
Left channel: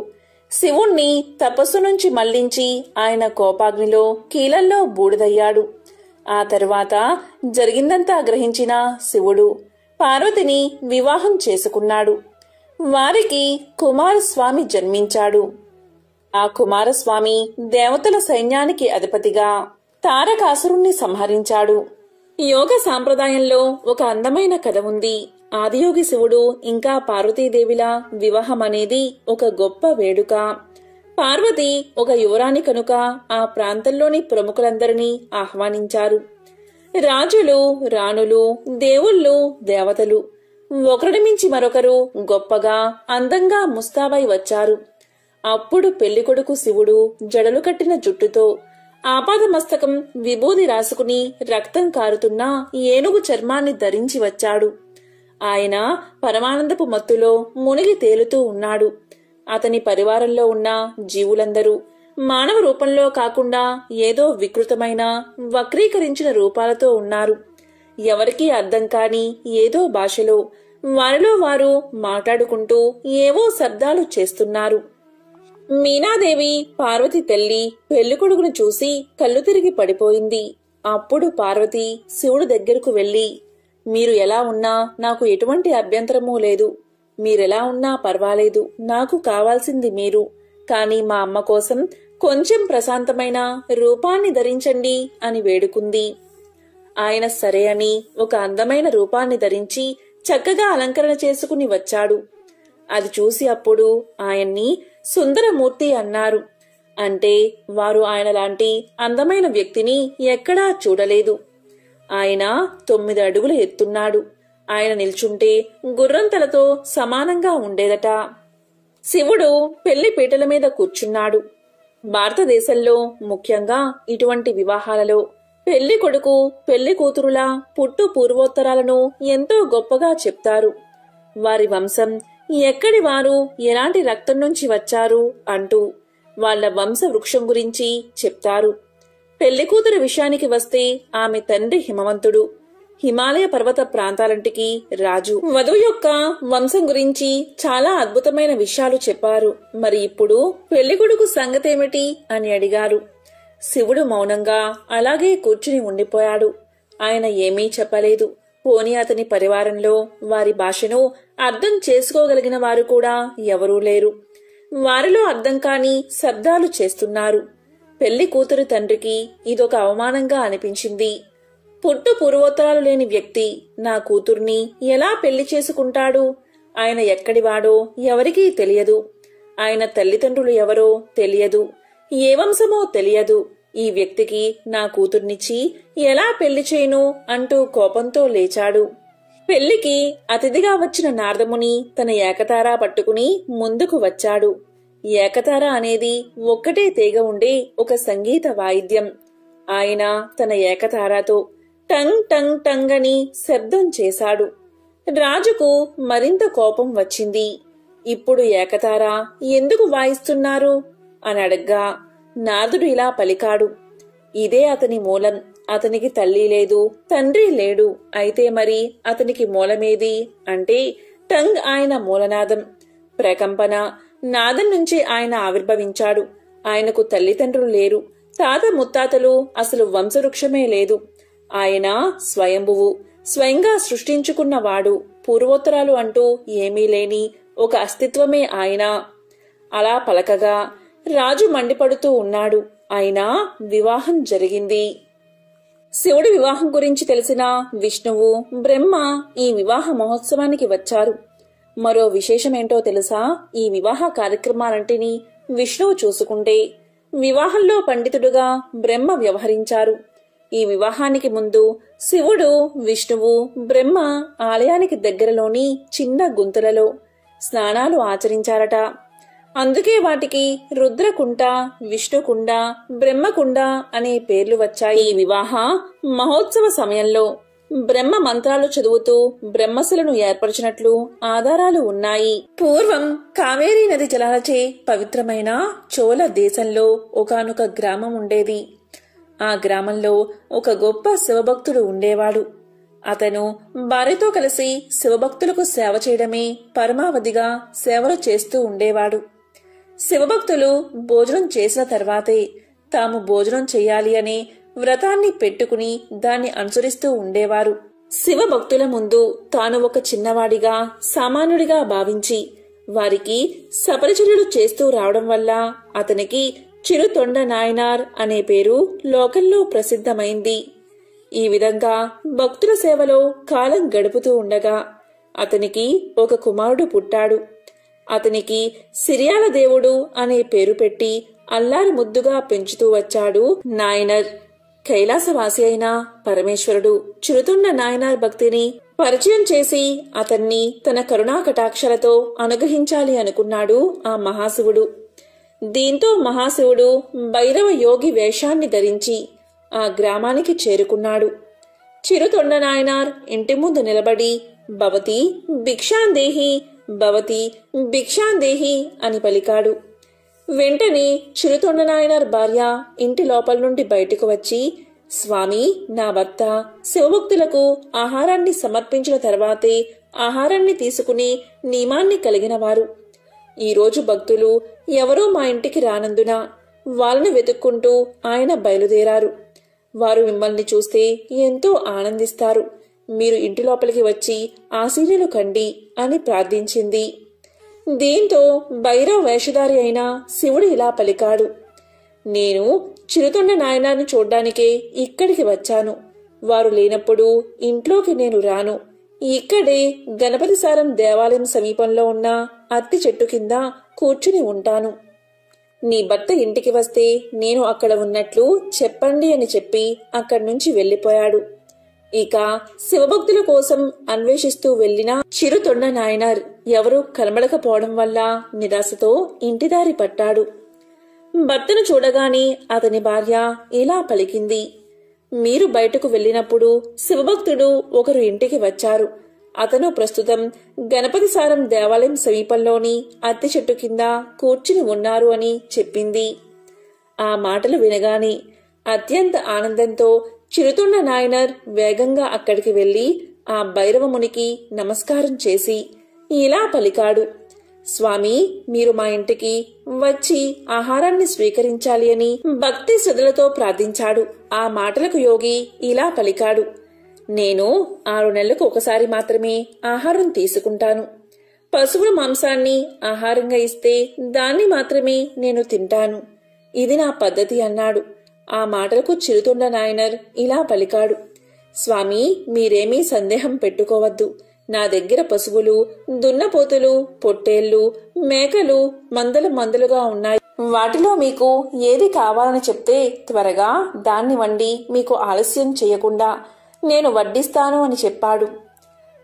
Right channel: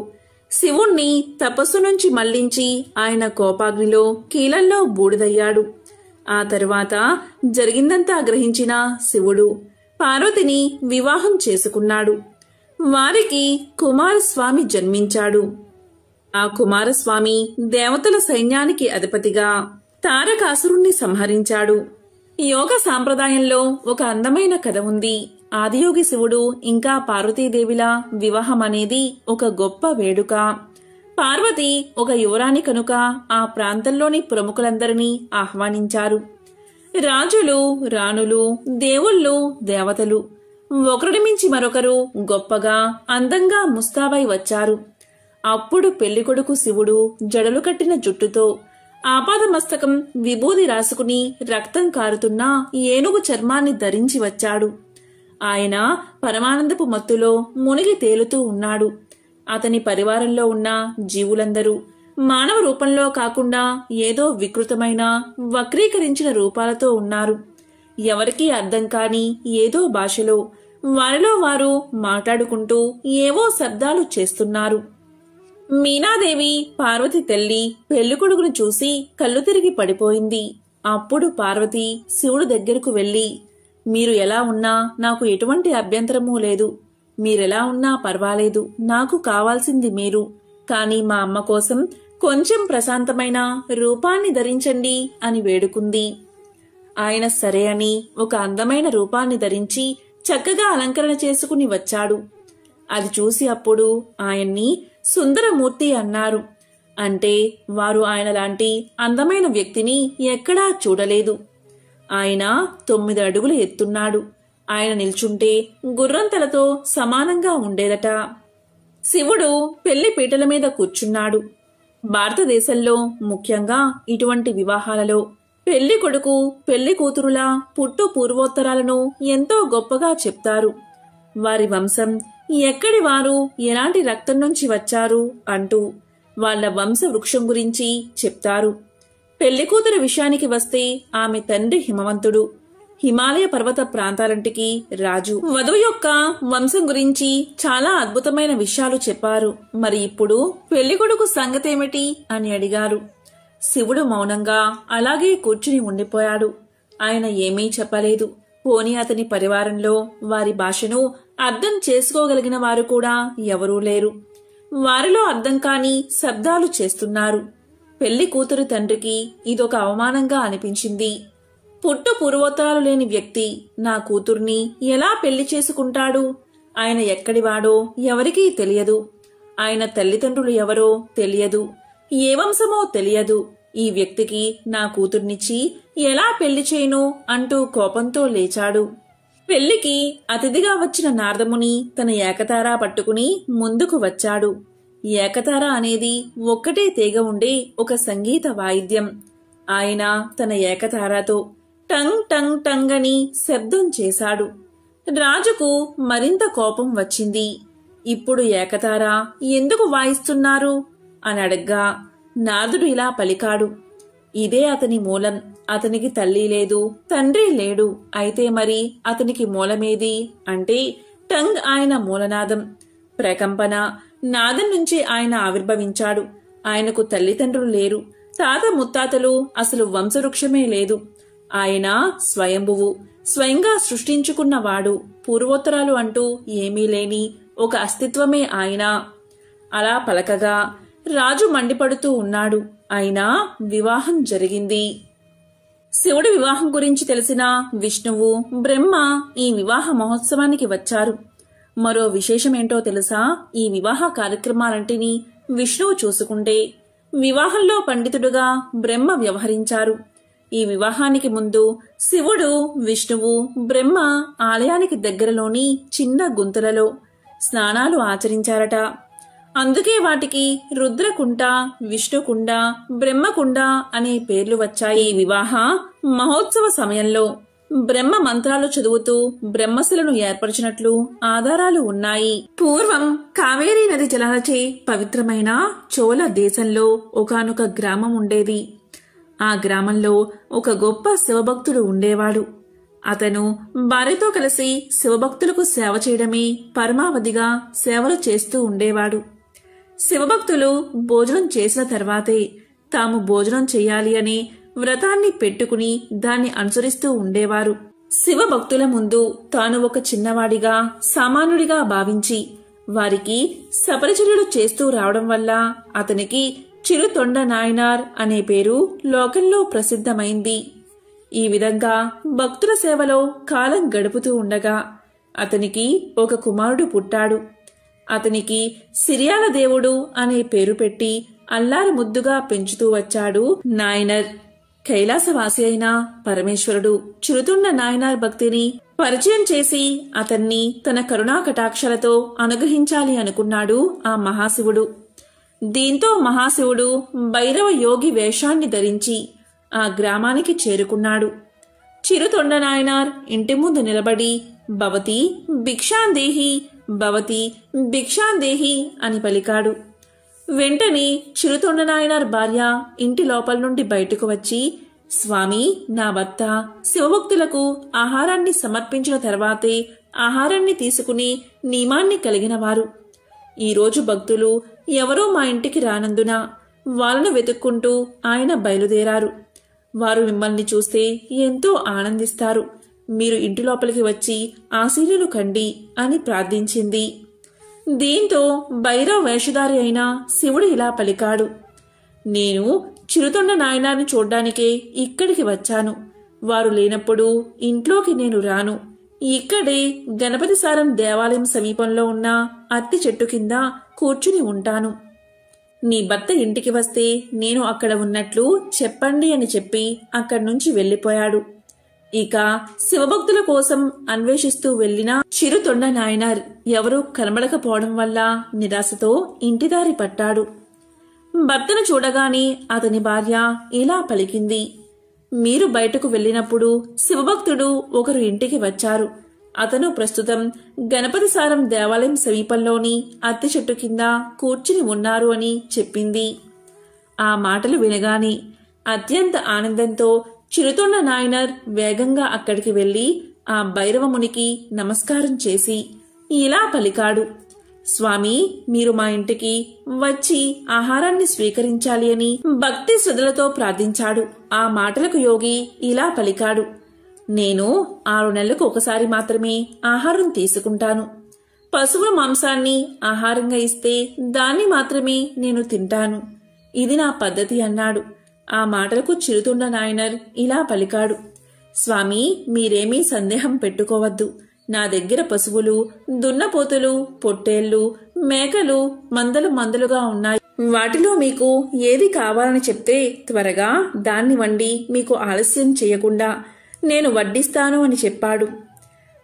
శివుణ్ణి తపస్సు నుంచి మళ్లించి ఆయన కోపాగ్నిలో కీలల్లో బూడిదయ్యాడు. ఆ తరువాత జరిగిందంతా గ్రహించిన శివుడు పార్వతిని వివాహం చేసుకున్నాడు. వారికి కుమారస్వామి జన్మించాడు. ఆ కుమారస్వామి దేవతల సైన్యానికి అధిపతిగా తారకాసురుణ్ణి సంహరించాడు. యోగ సాంప్రదాయంలో ఒక అందమైన కథ ఉంది. ఆదియోగి శివుడు ఇంకా పార్వతీదేవిల వివాహం అనేది ఒక గొప్ప వేడుక. పార్వతి ఒక యువరాణి కనుక ఆ ప్రాంతంలోని ప్రముఖులందరినీ ఆహ్వానించారు. రాజులు, రాణులు, దేవుళ్ళు, దేవతలు ఒకరిని మించి మరొకరు గొప్పగా అందంగా ముస్తాబై వచ్చారు. అప్పుడు పెళ్లికొడుకు శివుడు జడలు కట్టిన జుట్టుతో ఆపాదమస్తకం విభూది రాసుకుని రక్తం కారుతున్న ఏనుగు చర్మాన్ని ధరించి వచ్చాడు. ఆయన పరమానందపు మత్తులో మునిగి తేలుతూ ఉన్నాడు. అతని పరివారంలో ఉన్న జీవులందరూ మానవ రూపంలో కాకుండా ఏదో వికృతమైన వక్రీకరించిన రూపాలతో ఉన్నారు. ఎవరికీ అర్థం కాని ఏదో భాషలో వారిలో వారు మాట్లాడుకుంటూ ఏవో శబ్దాలు చేస్తున్నారు. మీనాదేవి పార్వతి తల్లి పెళ్లికొడుకును చూసి కళ్ళు తిరిగి పడిపోయింది. అప్పుడు పార్వతి శివుడు దగ్గరకు వెళ్లి, మీరు ఎలా ఉన్నా నాకు ఎటువంటి అభ్యంతరమూ లేదు. మీరెలా ఉన్నా పర్వాలేదు. నాకు కావాల్సింది మీరు. కాని మా అమ్మ కోసం కొంచెం ప్రశాంతమైన రూపాన్ని ధరించండి అని వేడుకుంది. ఆయన సరే అని ఒక అందమైన రూపాన్ని ధరించి చక్కగా అలంకరణ చేసుకుని వచ్చాడు. అది చూసి అప్పుడు ఆయన్ని సుందరమూర్తి అన్నారు. అంటే వారు ఆయన లాంటి అందమైన వ్యక్తిని ఎక్కడా చూడలేదు. ఆయన 9 అడుగులు ఎత్తున్నాడు. ఆయన నిల్చుంటే గుర్రంతలతో సమానంగా ఉండేదట. శివుడు పెళ్లి పీటల మీద కూర్చున్నాడు. భారతదేశంలో ముఖ్యంగా ఇటువంటి వివాహాలలో పెళ్లి కొడుకు పెళ్లి కూతురుల పుట్టు పూర్వోత్తరాలను ఎంతో గొప్పగా చెప్తారు. వారి వంశం ఎక్కడి వారు, ఎలాంటి రక్తం నుంచి వచ్చారు అంటూ వాళ్ల వంశ వృక్షం గురించి చెప్తారు. పెళ్లికూతురు విషయానికి వస్తే ఆమె తండ్రి హిమవంతుడు, హిమాలయ పర్వత ప్రాంతాలంటికి రాజు. వధువు యొక్క వంశం గురించి చాలా అద్భుతమైన విషయాలు చెప్పారు. మరి ఇప్పుడు పెళ్లికొడుకు సంగతేమిటి అని అడిగారు. శివుడు మౌనంగా అలాగే కూర్చుని ఉండిపోయాడు. ఆయన ఏమీ చెప్పలేదు. పోనీ అతని పరివారంలో వారి భాషను అర్థం చేసుకోగలిగిన వారు కూడా ఎవరూ లేరు. వారిలో అర్థం కాని శబ్దాలు చేస్తున్నారు. పెళ్లి కూతురు తండ్రికి ఇదొక అవమానంగా అనిపించింది. పుట్టు పూర్వోత్తరాలు లేని వ్యక్తి నా కూతుర్ని ఎలా పెళ్లి చేసుకుంటాడు? ఆయన ఎక్కడివాడో ఎవరికీ తెలియదు. ఆయన తల్లిదండ్రులు ఎవరో తెలియదు. ఏ వంశమో తెలియదు. ఈ వ్యక్తికి నా కూతుర్నిచ్చి ఎలా పెళ్లి చేయను అంటూ కోపంతో లేచాడు. పెళ్లికి అతిథిగా వచ్చిన నారదముని తన ఏకతారా పట్టుకుని ముందుకు వచ్చాడు. ఏకతార అనేది ఒక్కటే తీగ ఉండే ఒక సంగీత వాయిద్యం. ఆయన తన ఏకతారాతో టంగ్ టంగ్ టంగ్ అని శబ్దం చేశాడు. రాజుకు మరింత కోపం వచ్చింది. ఇప్పుడు ఏకతార ఎందుకు వాయిస్తున్నారు అని అడగ్గా నారదుడు ఇలా పలికాడు. ఇదే అతని మూలం. అతనికి తల్లి లేదు, తండ్రి లేడు. అయితే మరి అతనికి మూలమేది అంటే టంగ్ ఆయన మూలనాదం. ప్రకంపన నాదం నుంచి ఆయన ఆవిర్భవించాడు. ఆయనకు తల్లిదండ్రులు లేరు, తాత ముత్తాతలు, అసలు వంశవృక్షమే లేదు. ఆయన స్వయంభువు, స్వయంగా సృష్టించుకున్నవాడు. పూర్వోత్తరాలు అంటూ ఏమీ లేని ఒక అస్తిత్వమే ఆయన. అలా పలకగా రాజు మండిపడుతూ ఉన్నాడు. అయినా వివాహం జరిగింది. శివుడి వివాహం గురించి తెలిసిన విష్ణువు, బ్రహ్మ ఈ వివాహ మహోత్సవానికి వచ్చారు. మరో విశేషమేంటో తెలుసా? ఈ వివాహ కార్యక్రమాలంటినీ విష్ణువు చూసుకుంటే వివాహంలో పండితుడుగా బ్రహ్మ వ్యవహరించారు. ఈ వివాహానికి ముందు శివుడు, విష్ణువు, బ్రహ్మ ఆలయానికి దగ్గరలోని చిన్న గుంతలలో స్నానాలు ఆచరించారట. అందుకే వాటికి రుద్రకుండ, విష్ణుకుండ, బ్రహ్మకుండ అనే పేర్లు వచ్చాయి. ఈ వివాహ మహోత్సవ సమయంలో బ్రహ్మ మంత్రాలు చదువుతూ బ్రహ్మశిలను ఏర్పరిచినట్లు ఆధారాలు ఉన్నాయి. పూర్వం కావేరీ నది జలాలచే పవిత్రమైన చోళ దేశంలో ఒకానొక గ్రామం ఉండేది. ఆ గ్రామంలో ఒక గొప్ప శివభక్తుడు ఉండేవాడు. అతను భార్యతో కలిసి శివభక్తులకు సేవ చేయడమే పరమావధిగా సేవలు చేస్తూ ఉండేవాడు. శివభక్తులు భోజనం చేసిన తర్వాతే తాము భోజనం చేయాలి అని వ్రతాన్ని పెట్టుకుని దాన్ని అనుసరిస్తూ ఉండేవారు. శివభక్తుల ముందు తాను ఒక చిన్నవాడిగా సామాన్యుడిగా భావించి వారికి సపరిచర్యలు చేస్తూ రావడం వల్ల అతనికి చిరుతొండ నాయనార్ అనే పేరు లోకంలో ప్రసిద్ధమైంది. ఈ విధంగా భక్తుల సేవలో కాలం గడుపుతూ ఉండగా అతనికి ఒక కుమారుడు పుట్టాడు. అతనికి సిరియాల దేవుడు అనే పేరు పెట్టి అల్లారు ముద్దుగా పెంచుతూ వచ్చాడు నాయనర్. కైలాసవాసి అయిన పరమేశ్వరుడు చిరుతొండ నాయనార్ భక్తిని పరిచయం చేసి అతన్ని తన కరుణా కటాక్షలతో అనుగ్రహించాలి అనుకున్నాడు ఆ మహాశివుడు. దీంతో మహాశివుడు భైరవ యోగి వేషాన్ని ధరించి ఆ గ్రామానికి చేరుకున్నాడు. చిరుతొండ నాయనార్ ఇంటి ముందు నిలబడి భవతి భిక్షాందేహి, భవతి భిక్షాందేహి అని పలికాడు. వెంటనే చిరుతొండ నాయనార్ భార్య ఇంటి లోపల నుండి బయటకు వచ్చి, స్వామి, నా భర్త శివభక్తులకు ఆహారాన్ని సమర్పించిన తర్వాతే ఆహారాన్ని తీసుకుని నియమాన్ని కలిగినవారు. ఈరోజు భక్తులు ఎవరో మా ఇంటికి రానందున వాళ్ళను వెతుక్కుంటూ ఆయన బయలుదేరారు. వారు మిమ్మల్ని చూస్తే ఎంతో ఆనందిస్తారు. మీరు ఇంటి లోపలికి వచ్చి ఆశీర్వాదాలు కండి అని ప్రార్థించింది. దీంతో భైరవ వేషధారి అయిన శివుడు ఇలా పలికాడు, నేను చిరుతొండ నాయనార్ని చూడ్డానికే ఇక్కడికి వచ్చాను. వారు లేనప్పుడు ఇంట్లోకి నేను రాను. ఇక్కడే గణపతి సారం దేవాలయం సమీపంలో ఉన్న అత్తి చెట్టు కింద కూర్చుని ఉంటాను. నీ భర్త ఇంటికి వస్తే నేను అక్కడ ఉన్నట్లు చెప్పండి అని చెప్పి అక్కడి నుంచి వెళ్లిపోయాడు. ఇక శివభక్తుల కోసం అన్వేషిస్తూ వెళ్లిన చిరుతొండ నాయనార్ ఎవరూ కనబడకపోవడం వల్ల నిరాశతో ఇంటిదారి పట్టాడు. భర్తను చూడగానే అతని భార్య ఇలా పలికింది, మీరు బయటకు వెళ్లినప్పుడు శివభక్తుడు ఒకరు ఇంటికి వచ్చారు. అతను ప్రస్తుతం గణపతి సారం దేవాలయం సమీపంలోని అత్తి చెట్టు కింద కూర్చుని ఉన్నారు అని చెప్పింది. ఆ మాటలు వినగానే అత్యంత ఆనందంతో చిరుతొండ నాయనార్ వేగంగా అక్కడికి వెళ్లి ఆ భైరవమునికి నమస్కారం చేసి ఇలా పలికాడు, స్వామి, మీరు మా ఇంటికి వచ్చి ఆహారాన్ని స్వీకరించాలి అని భక్తి శ్రద్ధలతో ప్రార్థించాడు. ఆ మాటలకు యోగి ఇలా పలికాడు, నేను 6 నెలలకు ఒకసారి మాత్రమే ఆహారం తీసుకుంటాను. పశువుల మాంసాన్ని ఆహారంగా ఇస్తే దాన్ని మాత్రమే నేను తింటాను. ఇది నా పద్ధతి అన్నాడు. ఆ మాటలకు చిరుతొండ నాయనార్ ఇలా పలికాడు, స్వామి, మీరేమీ సందేహం పెట్టుకోవద్దు. నా దగ్గర పశువులు, దున్నపోతులు, పొట్టేళ్లు, మేకలు మందలుగా ఉన్నాయి. వాటిలో మీకు ఏది కావాలని చెప్తే త్వరగా దాన్ని వండి మీకు ఆలస్యం చేయకుండా నేను వడ్డిస్తాను అని చెప్పాడు.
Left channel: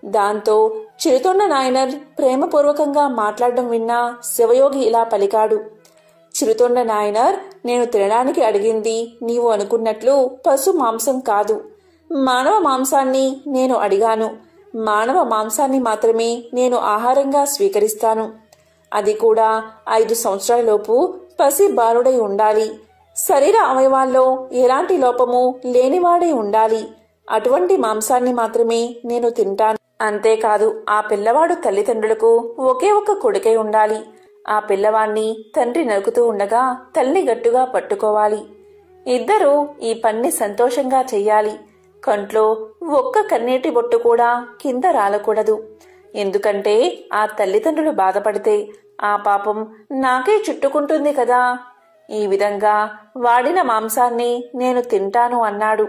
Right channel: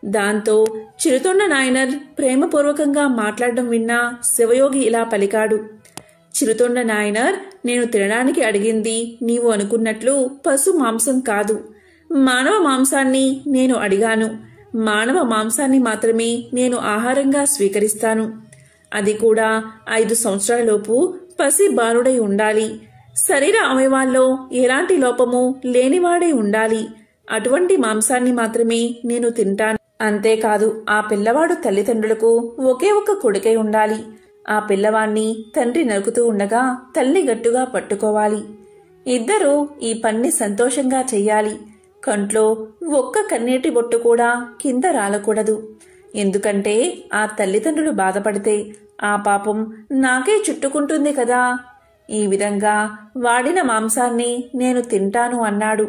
దాంతో చిరుతొండ నాయనార్ ప్రేమపూర్వకంగా మాట్లాడడం విన్న శివయోగి ఇలా పలికాడు, చిరుతొండ నాయనార్, నేను తినడానికి అడిగింది నీవు అనుకున్నట్లు పశు మాంసం కాదు, మానవ మాంసాన్ని నేను అడిగాను. మానవ మాంసాన్ని మాత్రమే నేను ఆహారంగా స్వీకరిస్తాను. అది కూడా 5 సంవత్సరాలలోపు పసి బాలుడై ఉండాలి. శరీర అవయవాల్లో ఎలాంటి లోపము లేనివాడై ఉండాలి. అటువంటి మాంసాన్ని మాత్రమే నేను తింటాను. అంతేకాదు, ఆ పిల్లవాడు తల్లిదండ్రులకు ఒకే ఒక్క కొడుకై ఉండాలి. ఆ పిల్లవాణ్ణి తండ్రి నరుకుతూ ఉండగా తల్లి గట్టుగా పట్టుకోవాలి. ఇద్దరూ ఈ పన్ని సంతోషంగా చెయ్యాలి. కంట్లో ఒక్క కన్నీటి బొట్టు కూడా కింద రాలకూడదు. ఎందుకంటే ఆ తల్లిదండ్రులు బాధపడితే ఆ పాపం నాకే చుట్టుకుంటుంది కదా. ఈ విధంగా వాడిన మాంసాన్ని నేను తింటాను అన్నాడు.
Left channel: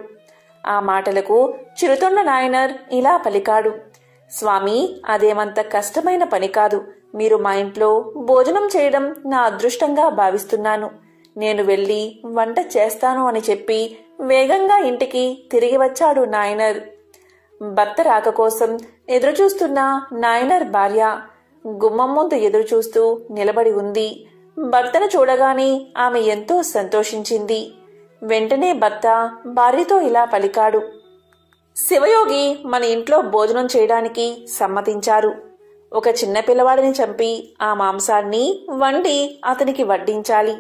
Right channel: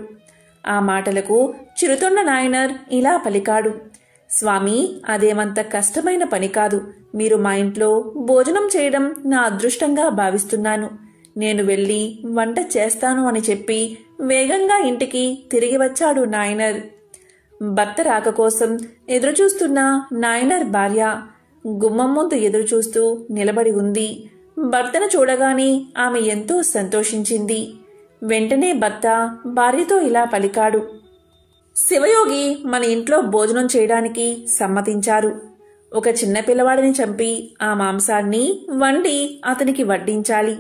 ఆ మాటలకు చిరుతొండ నాయనార్ ఇలా పలికాడు, స్వామి, అదేమంత కష్టమైన పని కాదు. మీరు మా ఇంట్లో భోజనం చేయడం నా అదృష్టంగా భావిస్తున్నాను. నేను వెళ్లి వంట చేస్తాను అని చెప్పి వేగంగా ఇంటికి తిరిగి వచ్చాడు నాయనార్. భర్త రాక కోసం ఎదురుచూస్తున్న నాయనార్ భార్య గుమ్మం ముందు ఎదురుచూస్తూ నిలబడి ఉంది. భర్తను చూడగానే ఆమె ఎంతో సంతోషించింది. వెంటనే భర్త భార్యతో ఇలా పలికాడు, శివయోగి మన ఇంట్లో భోజనం చేయడానికి సమ్మతించారు. ఒక చిన్న పిల్లవాడిని చంపి ఆ మాంసాన్ని వండి అతనికి వడ్డించాలి.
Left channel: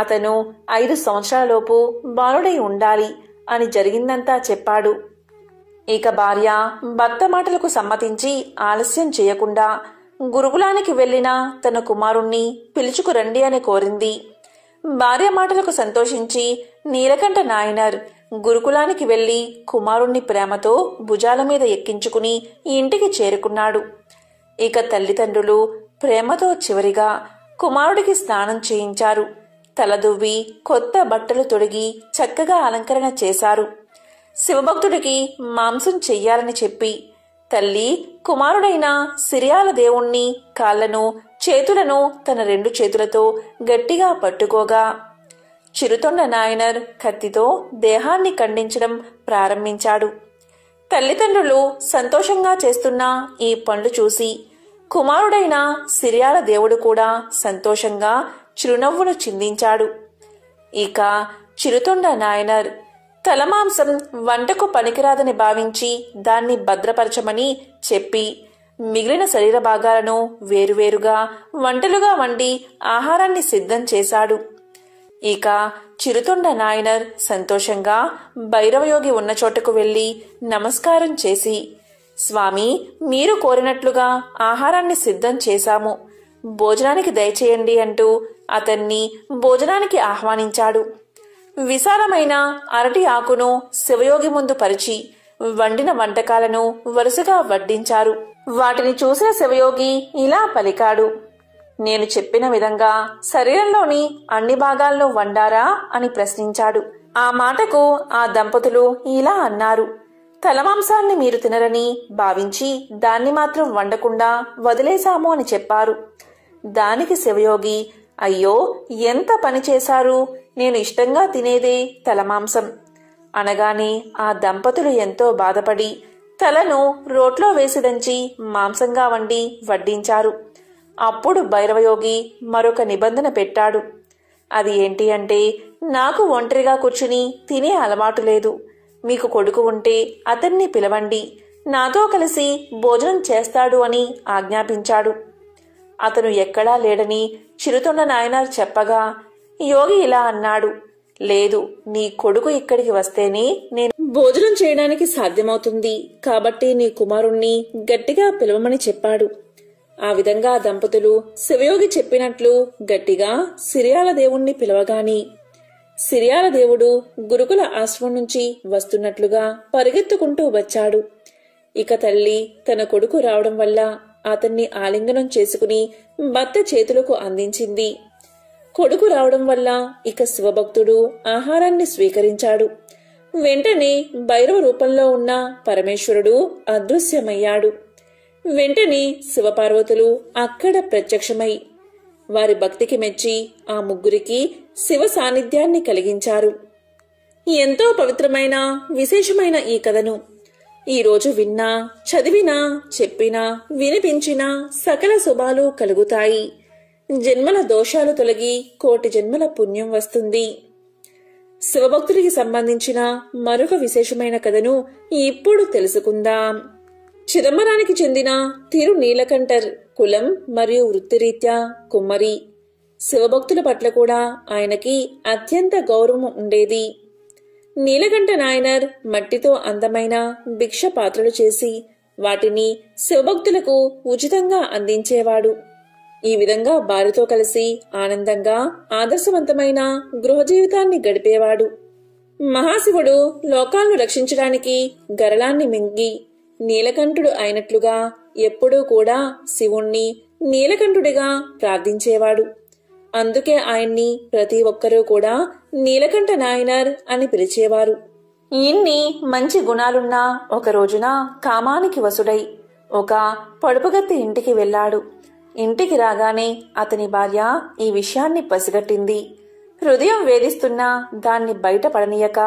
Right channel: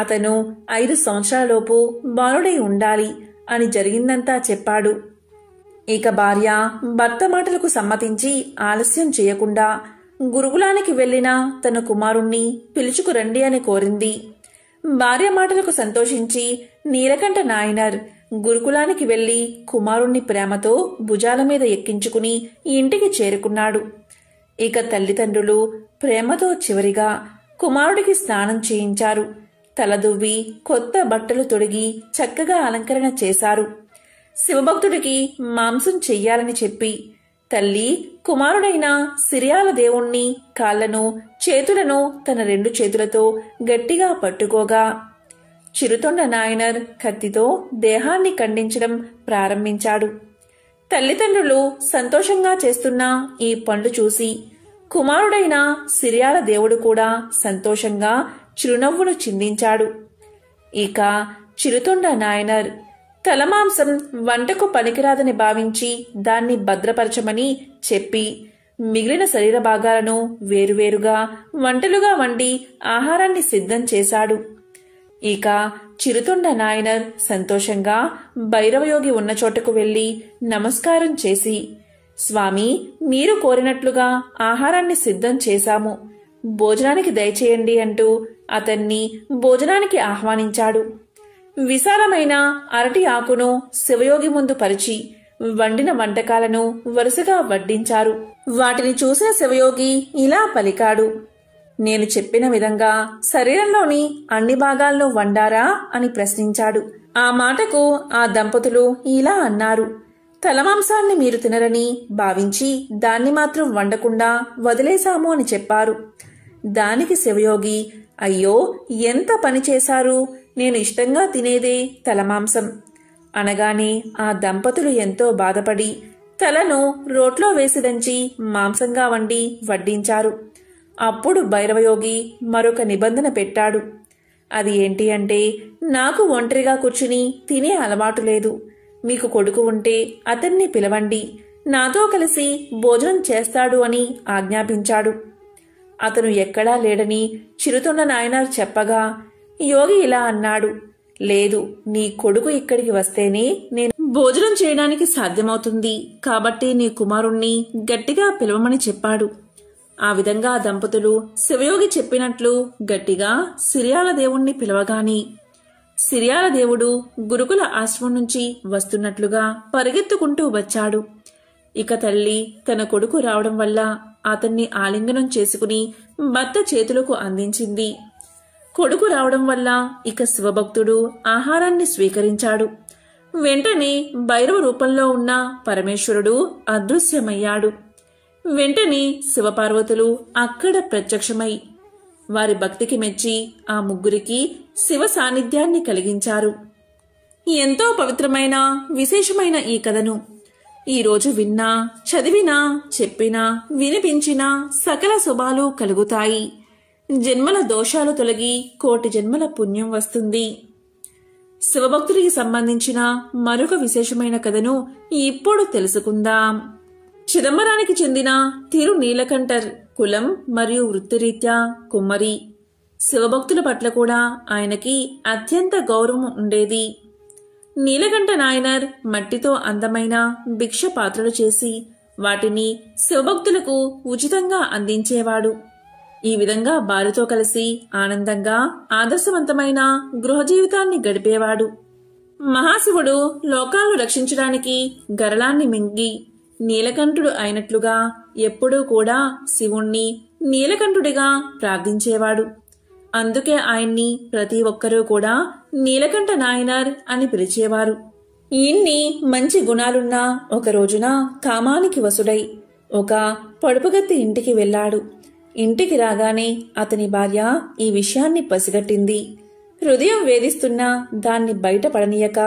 అతను 5 సంవత్సరాలలోపు బాలుడై ఉండాలి అని జరిగిందంతా చెప్పాడు. ఇక భార్య భర్త మాటలకు సమ్మతించి ఆలస్యం చేయకుండా గురుకులానికి వెళ్లిన తన కుమారుణ్ణి పిలుచుకురండి అని కోరింది. భార్య మాటలకు సంతోషించి నీలకంఠ నాయనార్ గురుకులానికి వెళ్లి కుమారుణ్ణి ప్రేమతో భుజాల మీద ఎక్కించుకుని ఇంటికి చేరుకున్నాడు. ఇక తల్లిదండ్రులు ప్రేమతో చివరిగా కుమారుడికి స్నానం చేయించారు. తలదువ్వి కొత్త బట్టలు తొడిగి చక్కగా అలంకరణ చేశారు. శివభక్తుడికి మాంసం చెయ్యాలని చెప్పి తల్లి కుమారుడైన సిరియాల దేవుణ్ణి కాళ్లను చేతులను తన 2 చేతులతో గట్టిగా పట్టుకోగా చిరుతొండ నాయనర్ కత్తితో దేహాన్ని ఖండించడం ప్రారంభించాడు. తల్లిదండ్రులు సంతోషంగా చేస్తున్న ఈ పనులు చూసి కుమారుడైన సిరియాల దేవుడు కూడా సంతోషంగా చిరునవ్వును చిందించాడు. ఇక చిరుతొండ నాయనర్ తలమాంసం వంటకు పనికిరాదని భావించి దాన్ని భద్రపరచమని చెప్పి మిగిలిన శరీర భాగాలను వేరువేరుగా వంటలుగా వండి ఆహారాన్ని సిద్ధం చేశాడు. ఇక చిరుతొండ నాయనర్ సంతోషంగా భైరవయోగి ఉన్న చోటకు వెళ్లి నమస్కారం చేసి, స్వామి, మీరు కోరినట్లుగా ఆహారాన్ని సిద్ధం చేశాము, భోజనానికి దయచేయండి అంటూ అతన్ని భోజనానికి ఆహ్వానించాడు. విశాలమైన అరటి ఆకును శివయోగి ముందు పరిచి వండిన వంటకాలను వరుసగా వడ్డించారు. వాటిని చూసిన శివయోగి ఇలా పలికాడు, నేను చెప్పిన విధంగా శరీరంలోని అన్ని భాగాలను వండారా అని ప్రశ్నించాడు. ఆ మాటకు ఆ దంపతులు ఇలా అన్నారు, తలమాంసాన్ని మీరు తినరని భావించి దాన్ని మాత్రం వండకుండా వదిలేశాము అని చెప్పారు. దానికి శివయోగి, అయ్యో ఎంత పని చేశారు, నేను ఇష్టంగా తినేదే తలమాంసం అనగానే ఆ దంపతులు ఎంతో బాధపడి తలను రోట్లో వేసి దంచి మాంసంగా వండి వడ్డించారు. అప్పుడు భైరవయోగి మరొక నిబంధన పెట్టాడు. అది ఏంటి అంటే, నాకు ఒంటరిగా కూర్చుని తినే అలవాటు లేదు, మీకు కొడుకు ఉంటే అతన్ని పిలవండి, నాతో కలిసి భోజనం చేస్తాడు అని ఆజ్ఞాపించాడు. అతను ఎక్కడా లేడని చిరుతొండ నాయనార్ చెప్పగా యోగి ఇలా అన్నాడు, లేదు, నీ కొడుకు ఇక్కడికి వస్తేనే నేను భోజనం చేయడానికి సాధ్యమవుతుంది, కాబట్టి నీ కుమారుణ్ణి గట్టిగా పిలవమని చెప్పాడు. ఆ విధంగా దంపతులు శివయోగి చెప్పినట్లు గట్టిగా సిరియాల దేవుణ్ణి పిలవగాని సిరియాల దేవుడు గురుకుల ఆశ్రమం నుంచి వస్తున్నట్లుగా పరిగెత్తుకుంటూ వచ్చాడు. ఇక తల్లి తన కొడుకు రావడం వల్ల అతన్ని ఆలింగనం చేసుకుని భర్త చేతులకు అందించింది. కొడుకు రావడం వల్ల ఇక శివభక్తుడు ఆహారాన్ని స్వీకరించాడు. వెంటనే భైరవ రూపంలో ఉన్న పరమేశ్వరుడు అదృశ్యమయ్యాడు. వెంటనే శివపార్వతులు అక్కడ ప్రత్యక్షమై వారి భక్తికి మెచ్చి ఆ ముగ్గురికి శివ సాన్నిధ్యాన్ని కలిగించారు. ఎంతో పవిత్రమైన విశేషమైన ఈ కథను ఈరోజు విన్నా, చదివినా, చెప్పినా, వినిపించినా సకల శుభాలు కలుగుతాయి. జన్మల దోషాలు తొలగి కోటి జన్మల పుణ్యం వస్తుంది. శివభక్తుడికి సంబంధించిన మరొక విశేషమైన కథను ఇప్పుడు తెలుసుకుందాం. చిదంబరానికి చెందిన తిరు నీలకంఠర్ కులం మరియు వృత్తిరీత్యా కుమ్మరి. శివభక్తుల పట్ల కూడా ఆయనకి అత్యంత గౌరవం ఉండేది. నీలకంఠ నాయనర్ మట్టితో అందమైన భిక్ష పాత్రలు చేసి వాటిని శివభక్తులకు ఉచితంగా అందించేవాడు. ఈ విధంగా భార్యతో కలిసి ఆనందంగా ఆదర్శవంతమైన గృహ జీవితాన్ని గడిపేవాడు. మహాశివుడు లోకాలను రక్షించడానికి గరళాన్ని మింగి నీలకంఠుడు అయినట్లుగా ఎప్పుడూ కూడా శివుణ్ణి నీలకంఠుడిగా ప్రార్థించేవాడు. అందుకే ఆయన్ని ప్రతి ఒక్కరూ కూడా నీలకంఠ నాయనర్ అని పిలిచేవారు. ఇన్ని మంచి గుణాలున్నా ఒక రోజున కామానికి వసుడై ఒక పొడుపుగత్తి ఇంటికి వెళ్లాడు. ఇంటికి రాగానే అతని భార్య ఈ విషయాన్ని పసిగట్టింది. హృదయం వేధిస్తున్నా దాన్ని బయటపడనీయక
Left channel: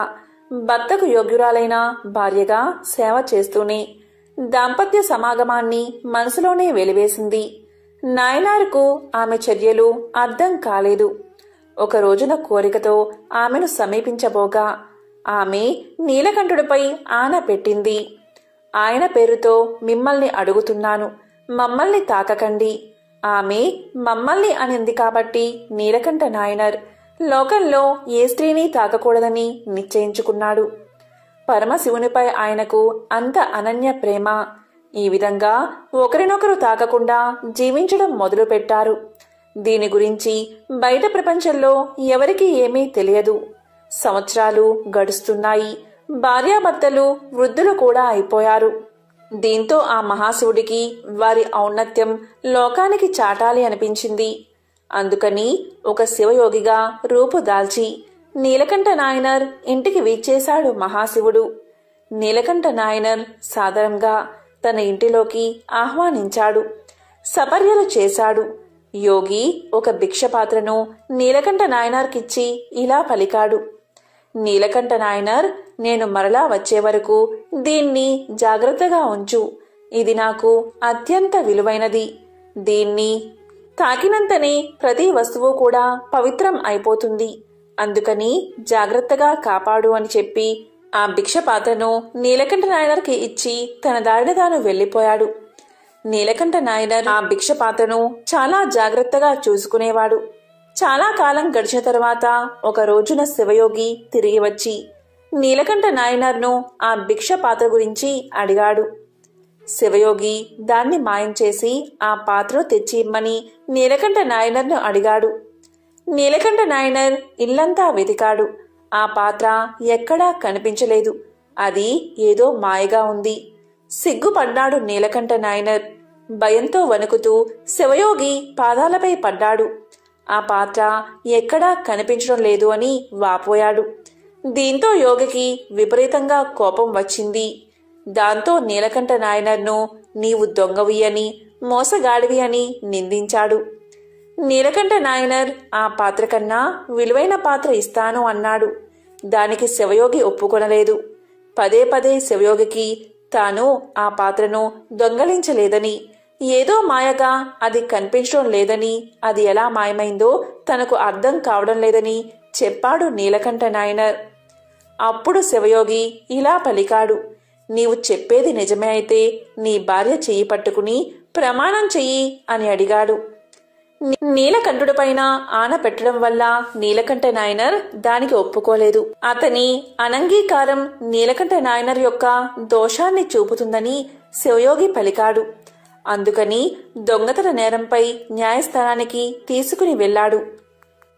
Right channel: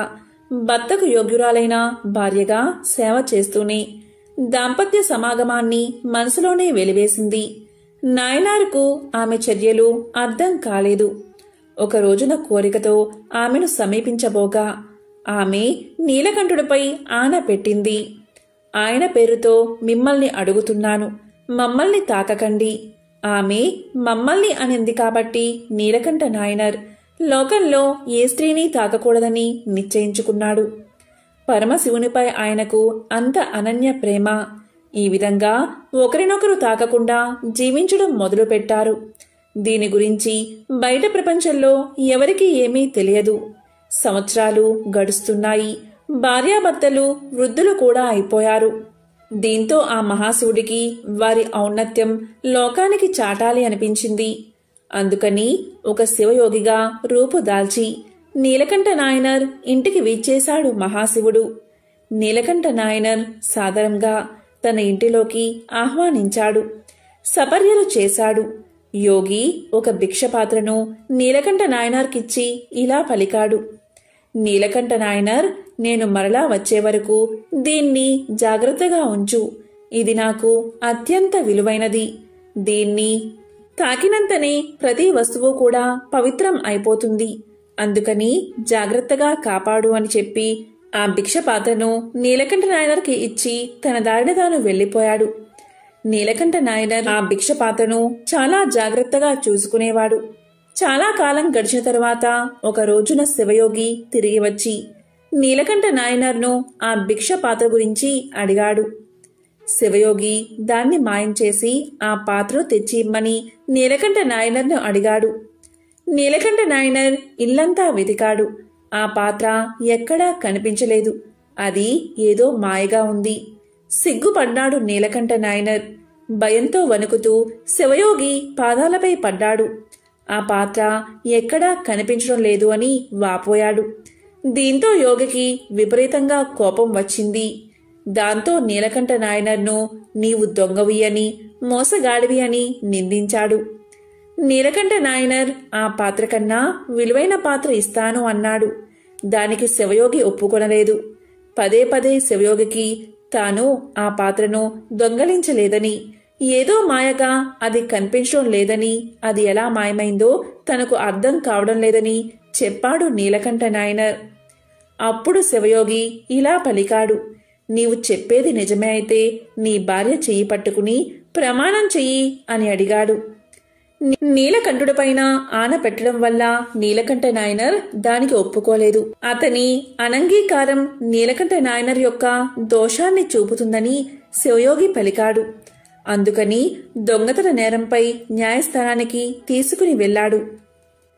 భర్తకు యోగ్యురాలైన భార్యగా సేవ చేస్తూనే దాంపత్య సమాగమాన్ని మనసులోనే వెలివేసింది. నాయనారుకు ఆమె చర్యలు అర్థం కాలేదు. ఒక రోజున కోరికతో ఆమెను సమీపించబోగా ఆమె నీలకంఠుడిపై ఆన పెట్టింది. ఆయన పేరుతో మిమ్మల్ని అడుగుతున్నాను, మమ్మల్ని తాకకండి. ఆమె మమ్మల్ని అనింది కాబట్టి నీలకంఠ నాయనర్ లోకంలో ఏ స్త్రీని తాకకూడదని నిశ్చయించుకున్నాడు. పరమశివునిపై ఆయనకు అంత అనన్య ప్రేమ. ఈ విధంగా ఒకరినొకరు తాకకుండా జీవించడం మొదలుపెట్టారు. దీని గురించి బయట ప్రపంచంలో ఎవరికీ ఏమీ తెలియదు. సంవత్సరాలు గడుస్తున్నాయి. భార్యాభర్తలు వృద్ధులు కూడా అయిపోయారు. దీంతో ఆ మహాశివుడికి వారి ఔన్నత్యం లోకానికి చాటాలి అనిపించింది. అందుకని ఒక శివయోగిగా రూపుదాల్చి నీలకంఠ నాయనర్ ఇంటికి వీచేశాడు మహాశివుడు. నీలకంఠ నాయనర్ సాదరంగా తన ఇంటిలోకి ఆహ్వానించాడు. సపర్యలు చేశాడు. యోగి ఒక భిక్షపాత్రను నీలకంఠ నాయనార్కిచ్చి ఇలా పలికాడు. నీలకంఠ నాయనర్, నేను మరలా వచ్చే వరకు దీన్ని జాగ్రత్తగా ఉంచు. ఇది నాకు అత్యంత విలువైనది. దీన్ని తాకినంతనే ప్రతి వస్తువు కూడా పవిత్రం అయిపోతుంది. అందుకని జాగ్రత్తగా కాపాడు అని చెప్పి ఆ భిక్షపాత్రను నీలకంఠ నాయనర్కి ఇచ్చి తన దారిన తాను వెళ్లిపోయాడు. నీలకంఠ నాయనర్ ఆ భిక్షపాత్రను చాలా జాగ్రత్తగా చూసుకునేవాడు. చాలా కాలం గడిచిన తర్వాత ఒక రోజున శివయోగి తిరిగి వచ్చి నీలకంఠ నాయనర్ను ఆ భిక్షపాత్ర గురించి అడిగాడు. శివయోగి దాన్ని మాయం చేసి ఆ పాత్రను తెచ్చి ఇమ్మని నీలకంఠ నాయనర్ను అడిగాడు. నీలకంఠ నాయనర్ ఇల్లంతా వెతికాడు. ఆ పాత్ర ఎక్కడా కనిపించలేదు. అది ఏదో మాయగా ఉంది. సిగ్గుపడ్డాడు నీలకంఠ నాయనర్. భయంతో వణుకుతూ శివయోగి పాదాలపై పడ్డాడు. ఆ పాత్ర ఎక్కడా కనిపించడం లేదు అని వాపోయాడు. దీంతో యోగికి విపరీతంగా కోపం వచ్చింది. దాంతో నీలకంఠ నాయనర్ను నీవు దొంగవి అని, మోసగాడివి అని నిందించాడు. నీలకంఠ నాయనర్ ఆ పాత్ర కన్నా విలువైన పాత్ర ఇస్తాను అన్నాడు. దానికి శివయోగి ఒప్పుకొనలేదు. పదే పదే శివయోగికి తాను ఆ పాత్రను దొంగలించలేదని, ఏదో మాయగా అది కనిపించడం లేదని, అది ఎలా మాయమైందో తనకు అర్థం కావడం లేదని చెప్పాడు నీలకంఠ నాయనర్. అప్పుడు శివయోగి ఇలా పలికాడు. నీవు చెప్పేది నిజమే అయితే నీ భార్య చెయ్యి పట్టుకుని ప్రమాణం చెయ్యి అని అడిగాడు. నీలకంఠుడిపైన ఆన పెట్టడం వల్ల నీలకంఠ నాయనర్ దానికి ఒప్పుకోలేదు. అతని అనంగీకారం నీలకంఠ నాయనర్ యొక్క దోషాన్ని చూపుతుందని శివయోగి పలికాడు. అందుకని దొంగతన నేరంపై న్యాయస్థానానికి తీసుకుని వెళ్లాడు.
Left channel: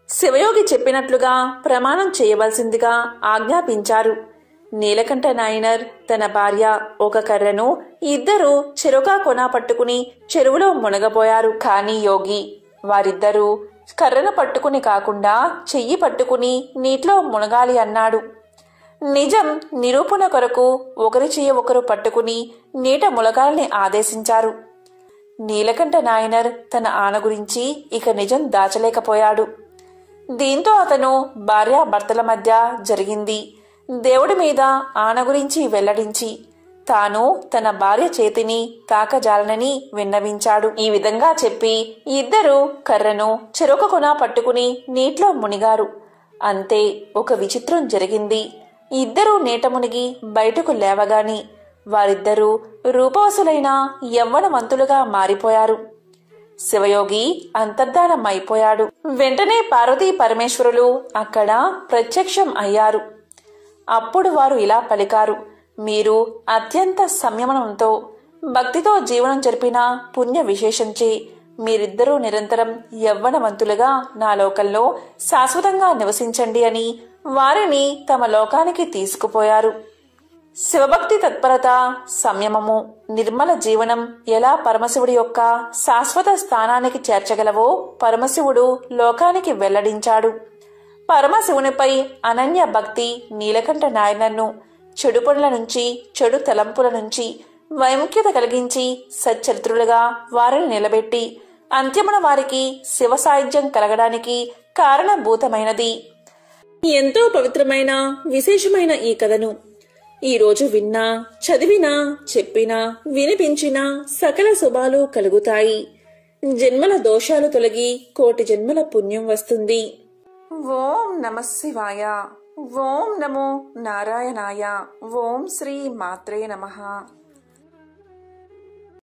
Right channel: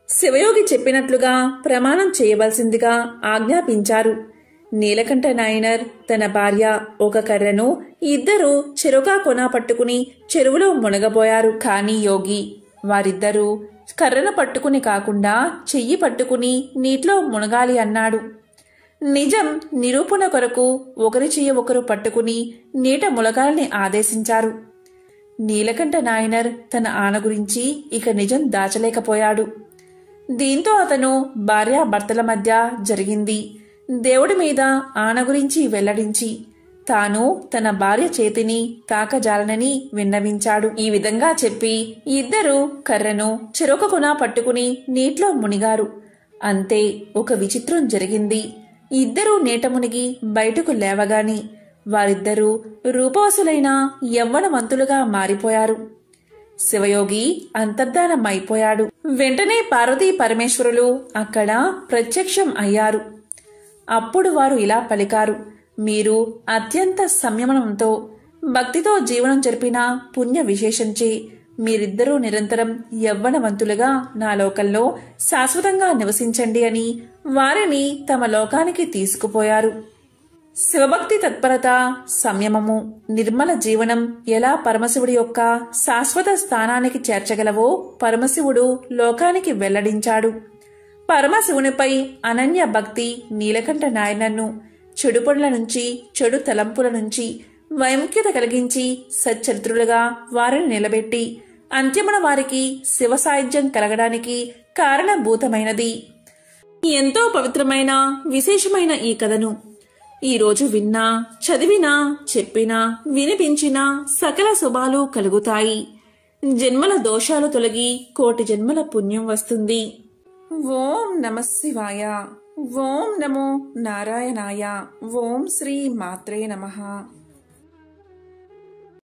శివయోగి చెప్పినట్లుగా ప్రమాణం చేయవలసిందిగా ఆజ్ఞాపించారు. నీలకంఠ నాయనర్, తన భార్య ఒక కర్రను, ఇద్దరూ చెరొక కొన పట్టుకుని చెరువులో మునగబోయారు. కాని యోగి వారిద్దరూ కర్రను పట్టుకుని కాకుండా చెయ్యి పట్టుకుని నీటిలో మునగాలి అన్నాడు. నిజం నిరూపణ కొరకు ఒకరి చెయ్యి ఒకరు పట్టుకుని నీట మునగాలని ఆదేశించారు. నీలకంఠ నాయనర్ తన ఆన గురించి ఇక నిజం దాచలేకపోయాడు. దీంతో అతను భార్యాభర్తల మధ్య జరిగింది దేవుడి మీద ఆన గురించి వెల్లడించి తాను తన భార్య చేతిని తాకజాలనని విన్నవించాడు. ఈ విధంగా చెప్పి ఇద్దరూ కర్రను చెరొక కొన పట్టుకుని నీటిలో మునిగారు. అంతే, ఒక విచిత్రం జరిగింది. ఇద్దరూ నీట మునిగి బయటకు లేవగాని వారిద్దరూ రూపవసులైన యవ్వనవంతులుగా మారిపోయారు. శివయోగి అంతర్ధానమైపోయాడు. వెంటనే పార్వతీ పరమేశ్వరులు అక్కడ ప్రత్యక్షం అయ్యారు. అప్పుడు వారు ఇలా పలికారు. మీరు అత్యంత సంయమనంతో భక్తితో జీవనం జరిపిన పుణ్య విశేషంచే మీరిద్దరూ నిరంతరం యవ్వనవంతులుగా నా లోకంలో శాశ్వతంగా నివసించండి అని వారిని తమ లోకానికి తీసుకుపోయారు. శివభక్తి తత్పరత, సంయమము, నిర్మల జీవనం ఎలా పరమశివుడి యొక్క శాశ్వత స్థానానికి చేర్చగలవో పరమశివుడు లోకానికి వెల్లడించాడు. పరమశివునిపై అనన్య భక్తి నీలకంఠ నాయనర్ను చెడు పనుల నుంచి, చెడు తలంపుల నుంచి వైముఖ్యత కలిగించి సచ్చరిత్రులుగా వారిని నిలబెట్టి అంత్యమున వారికి శివ సాయుధ్యం కలగడానికి కారణభూతమైనది. ఎంతో పవిత్రమైన విశేషమైన ఈ కథను ఈరోజు విన్నా, చదివినా, చెప్పినా, వినిపించినా సకల శుభాలు కలుగుతాయి. జన్మల దోషాలు తొలగి కోటి జన్మల పుణ్యం వస్తుంది. ఓం నమః శివాయ. ఓం నమో నారాయణాయ. ఓం శ్రీ మాత్రే నమః.